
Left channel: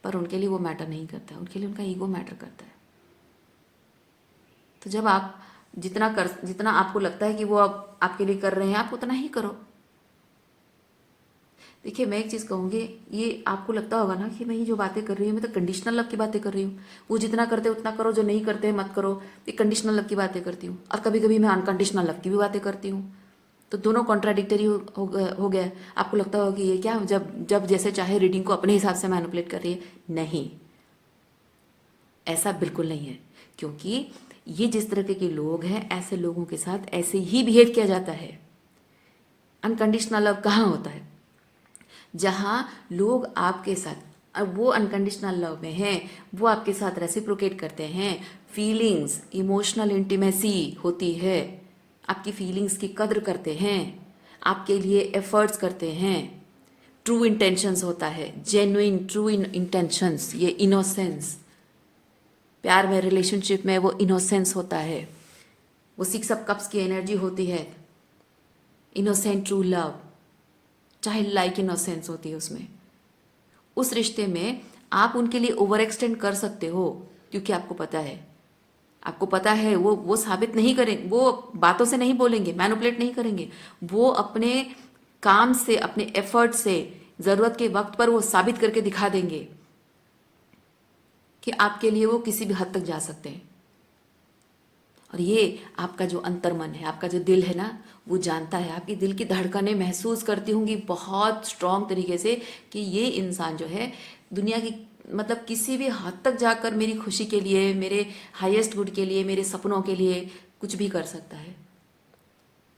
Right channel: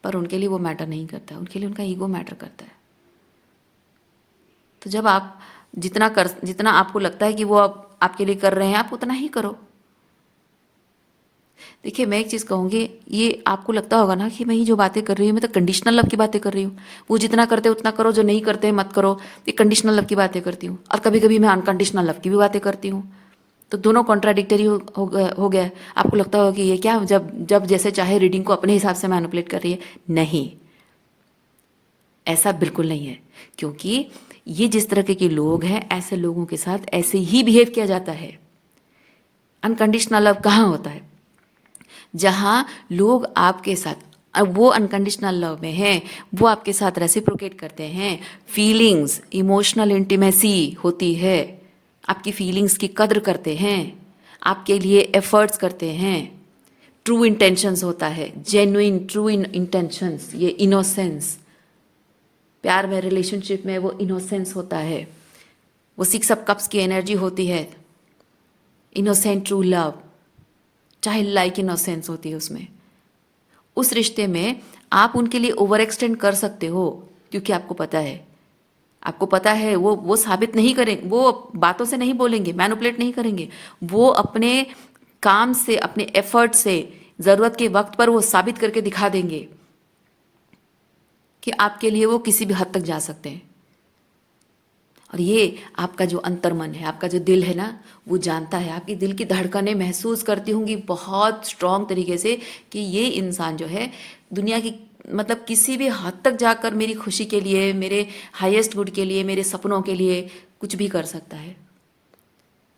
पर उनके लिए वो मैटर नहीं करता, उनके लिए उनका ईगो मैटर करता है। तो जब आप जितना आपको लगता है कि वो आपके लिए कर रहे हैं, आप उतना ही करो। देखिए, मैं एक चीज़ कहूँगी, ये आपको लगता होगा ना कि मैं ये जो बातें कर रही हूँ, मैं तो कंडीशनल लव की बातें कर रही हूँ। वो जितना करते उतना करो, जो नहीं करते मत करो। ये कंडीशनल लव की बातें करती हूँ, और कभी कभी मैं अनकंडीशनल लव की भी बातें करती हूँ। तो दोनों कॉन्ट्राडिक्टरी हो गया। आपको लगता होगा कि ये क्या, जब जब जैसे चाहे रीडिंग को अपने हिसाब से मैनिपुलेट कर रही है। नहीं, ऐसा बिल्कुल नहीं है। क्योंकि ये जिस तरह के लोग हैं, ऐसे लोगों के साथ ऐसे ही बिहेव किया जाता है। अनकंडीशनल लव कहाँ होता है? जहाँ लोग आपके साथ, अब वो अनकंडीशनल लव में हैं, वो आपके साथ रेसिप्रोकेट करते हैं, फीलिंग्स, इमोशनल इंटीमेसी होती है, आपकी फीलिंग्स की कद्र करते हैं, आपके लिए एफर्ट्स करते हैं, ट्रू इंटेंशंस होता है, जेन्युइन ट्रू इंटेंशंस, ये इनोसेंस, प्यार में, रिलेशनशिप में वो इनोसेंस होता है, वो 6 ऑफ कप्स की एनर्जी होती है, इनोसेंट ट्रू लव, चाहे लाइक इनोसेंस होती है उसमें। उस रिश्ते में आप उनके लिए ओवर एक्सटेंड कर सकते हो, क्योंकि आपको पता है वो साबित नहीं करें, वो बातों से नहीं बोलेंगे, मैनिपुलेट नहीं करेंगे, वो अपने काम से, अपने एफर्ट से, ज़रूरत के वक्त पर वो साबित करके दिखा देंगे कि आपके लिए वो किसी भी हद तक जा सकते हैं। और ये आपका जो अंतर्मन है, आपका जो दिल है ना, वो जानता है, आपकी दिल की धड़कनें महसूस करती होंगी बहुत स्ट्रांग तरीके से कि ये इंसान जो है दुनिया की, मतलब किसी भी हद तक जाकर मेरी खुशी के लिए, मेरे हाईएस्ट गुड के लिए, मेरे सपनों के लिए कुछ भी कर सकता है,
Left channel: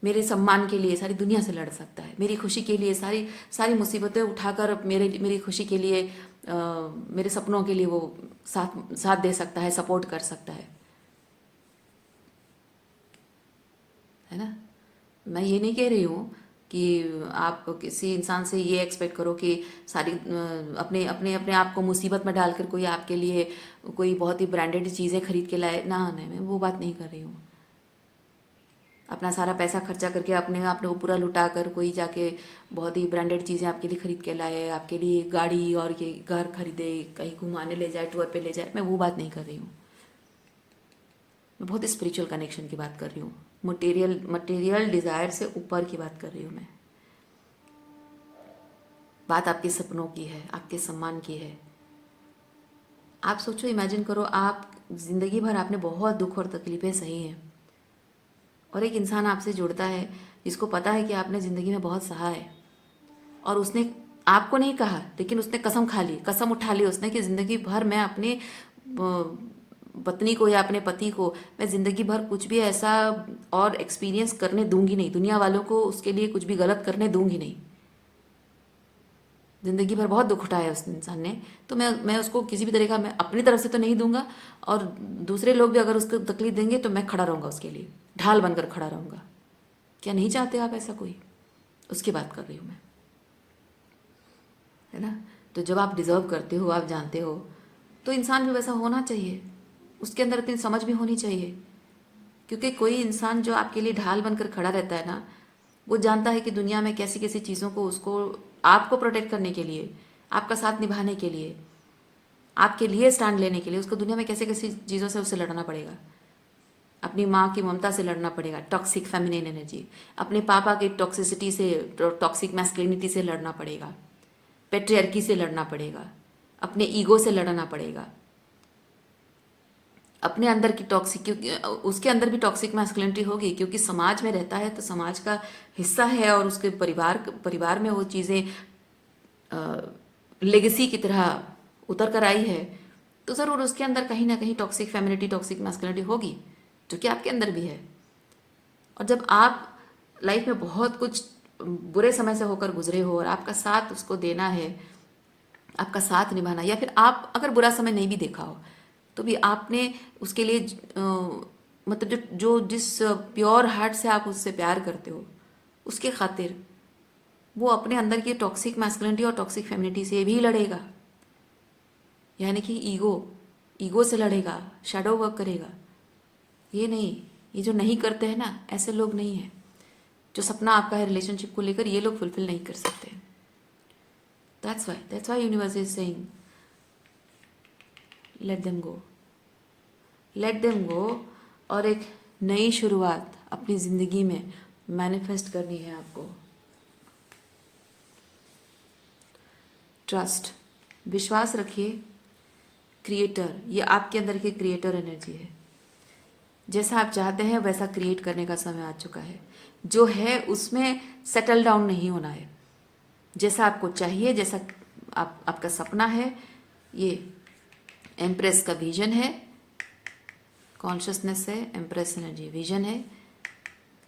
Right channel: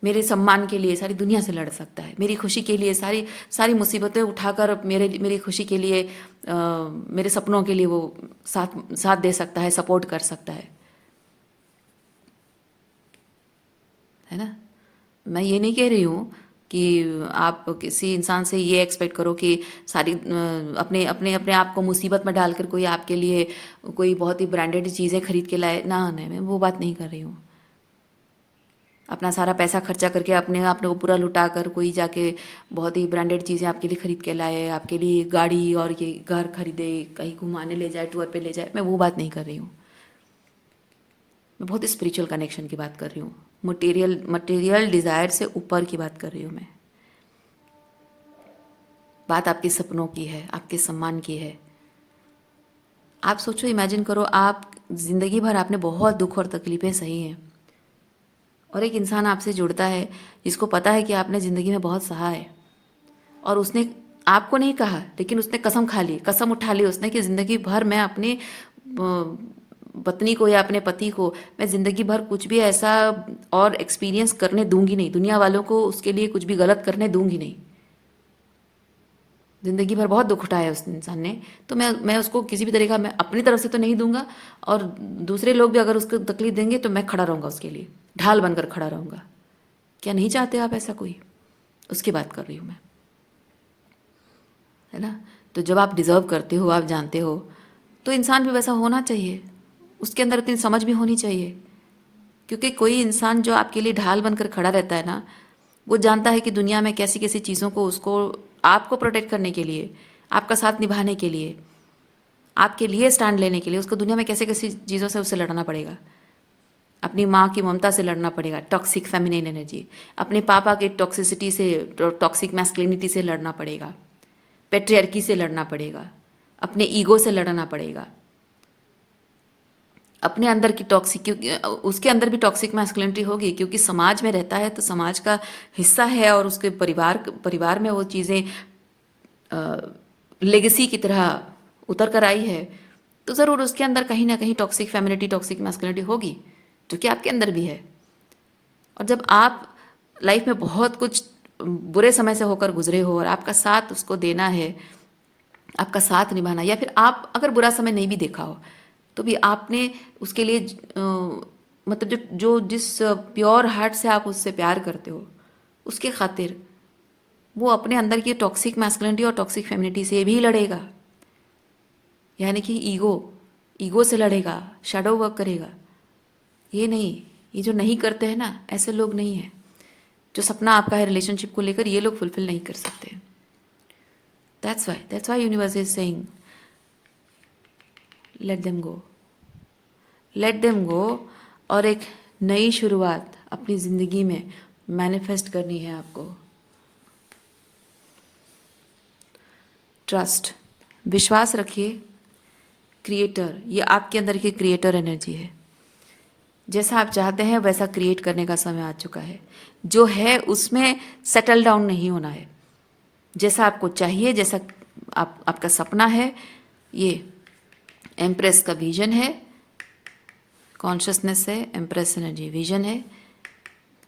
मेरे सम्मान के लिए सारी दुनिया से लड़ सकता है, मेरी खुशी के लिए सारी सारी मुसीबतें उठाकर मेरी खुशी के लिए, मेरे सपनों के लिए वो साथ साथ दे सकता है, सपोर्ट कर सकता है ना। मैं ये नहीं कह रही हूँ कि आप किसी इंसान से ये एक्सपेक्ट करो कि सारी अपने अपने अपने आप को मुसीबत में डालकर कोई आपके लिए कोई बहुत ही ब्रांडेड चीज़ें खरीद के लाए ना। नहीं, मैं वो बात नहीं कर रही हूँ। अपना सारा पैसा खर्चा करके अपने को पूरा लुटा कर कोई जाके बहुत ही ब्रांडेड चीज़ें आपके लिए खरीद के लाए, आपके लिए गाड़ी और ये घर खरीदे, कहीं घुमाने ले जाए, टूर पे ले जाए, मैं वो बात नहीं कर रही हूँ। मैं बहुत स्पिरिचुअल कनेक्शन की बात कर रही हूँ, मटेरियल डिज़ायर से ऊपर की बात कर रही हूँ मैं। बात आपके सपनों की है, आपके सम्मान की है। आप सोचो, इमेजिन करो, आप जिंदगी भर आपने बहुत दुख और तकलीफें सही हैं, और एक इंसान आपसे जुड़ता है जिसको पता है कि आपने ज़िंदगी में बहुत सहा है, और उसने आपको नहीं कहा, लेकिन उसने कसम खा ली, कसम उठा ली उसने कि ज़िंदगी भर मैं अपनी पत्नी को या अपने पति को मैं ज़िंदगी भर कुछ भी ऐसा और एक्सपीरियंस करने दूंगी नहीं, दुनिया वालों को उसके लिए कुछ भी गलत करने दूंगी नहीं। ज़िंदगी भर बहुत दुख उठाया उस इंसान ने, तो मैं उसको किसी भी तरीका, मैं अपनी तरफ से तो नहीं दूंगा, और दूसरे लोग भी अगर उसको तकलीफ देंगे तो मैं खड़ा रहूँगा उसके लिए, ढाल बनकर खड़ा रहूँगा। क्या नहीं चाहते आप ऐसा कोई? उसकी बात कर रही हूँ मैं, है ना। तो जब आप डिज़र्व करते हो, आप जानते हो, तो इंसान भी वैसा होना चाहिए, उसके अंदर इतनी समझ भी होनी चाहिए। क्योंकि कोई इंसान जो आपके लिए ढाल बनकर खड़ा रहता है ना, वो जानता है कि दुनिया में कैसी कैसी चीज़ों को उसको, आपको प्रोटेक्ट करने के लिए, आपका साथ निभाने के लिए, आपके लिए स्टैंड लेने के लिए उसको दुनिया में कैसे कैसी चीज़ों से उससे लड़ना पड़ेगा। अपनी माँ की ममता से लड़ना पड़ेगा, टॉक्सिक फेमिनिन एनर्जी, अपने पापा की टॉक्सिसिटी से, टॉक्सिक मैस्कुलिनिटी से लड़ना पड़ेगा, पेट्रियार्की से लड़ना पड़ेगा, अपने ईगो से लड़ना पड़ेगा, अपने अंदर की टॉक्सिक, क्योंकि उसके अंदर भी टॉक्सिक मैस्कुलिनिटी होगी, क्योंकि समाज में रहता है तो समाज का हिस्सा है, और उसके परिवार में वो चीज़ें लेगेसी की तरह उतर कर आई है, तो ज़रूर उसके अंदर कहीं ना कहीं टॉक्सिक फेमिनिटी, टॉक्सिक मैस्कुलिनिटी होगी, जो कि आपके अंदर भी है। और जब आप लाइफ में बहुत कुछ बुरे समय से होकर गुजरे हो, और आपका साथ उसको देना है, आपका साथ निभाना, या फिर आप अगर बुरा समय नहीं भी देखा हो तो भी आपने उसके लिए मतलब जिस प्योर हार्ट से आप उससे प्यार करते हो, उसके खातिर वो अपने अंदर की टॉक्सिक मैस्कुलिनिटी और टॉक्सिक फेमिनिटी से भी लड़ेगा, यानी कि ईगो से लड़ेगा, शैडो वर्क करेगा। ये नहीं, ये जो नहीं करते हैं ना, ऐसे लोग नहीं हैं। जो सपना आपका है रिलेशनशिप को लेकर, ये लोग फुलफिल नहीं कर सकते। That's why universe is saying let them go और एक नई शुरुआत अपनी ज़िंदगी में मैनिफेस्ट करनी है आपको। ट्रस्ट, विश्वास रखिए। क्रिएटर, ये आपके अंदर की क्रिएटर एनर्जी है। जैसा आप चाहते हैं वैसा क्रिएट करने का समय आ चुका है। जो है उसमें सेटल डाउन नहीं होना है। जैसा आपको चाहिए, जैसा आपका सपना है, ये एम्प्रेस का विजन है, कॉन्शियसनेस है, एम्प्रेस एनर्जी विजन है।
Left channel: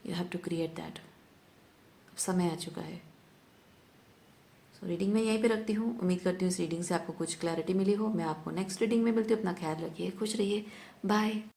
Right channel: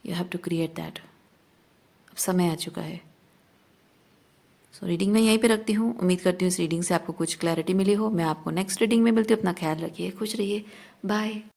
You have to create that. अब समय आ चुका है। सो रीडिंग मैं यहीं पे रखती हूँ। उम्मीद करती हूँ इस रीडिंग से आपको कुछ क्लैरिटी मिली हो। मैं आपको नेक्स्ट रीडिंग में मिलती हूँ। अपना ख्याल रखिए, खुश रहिए, बाय।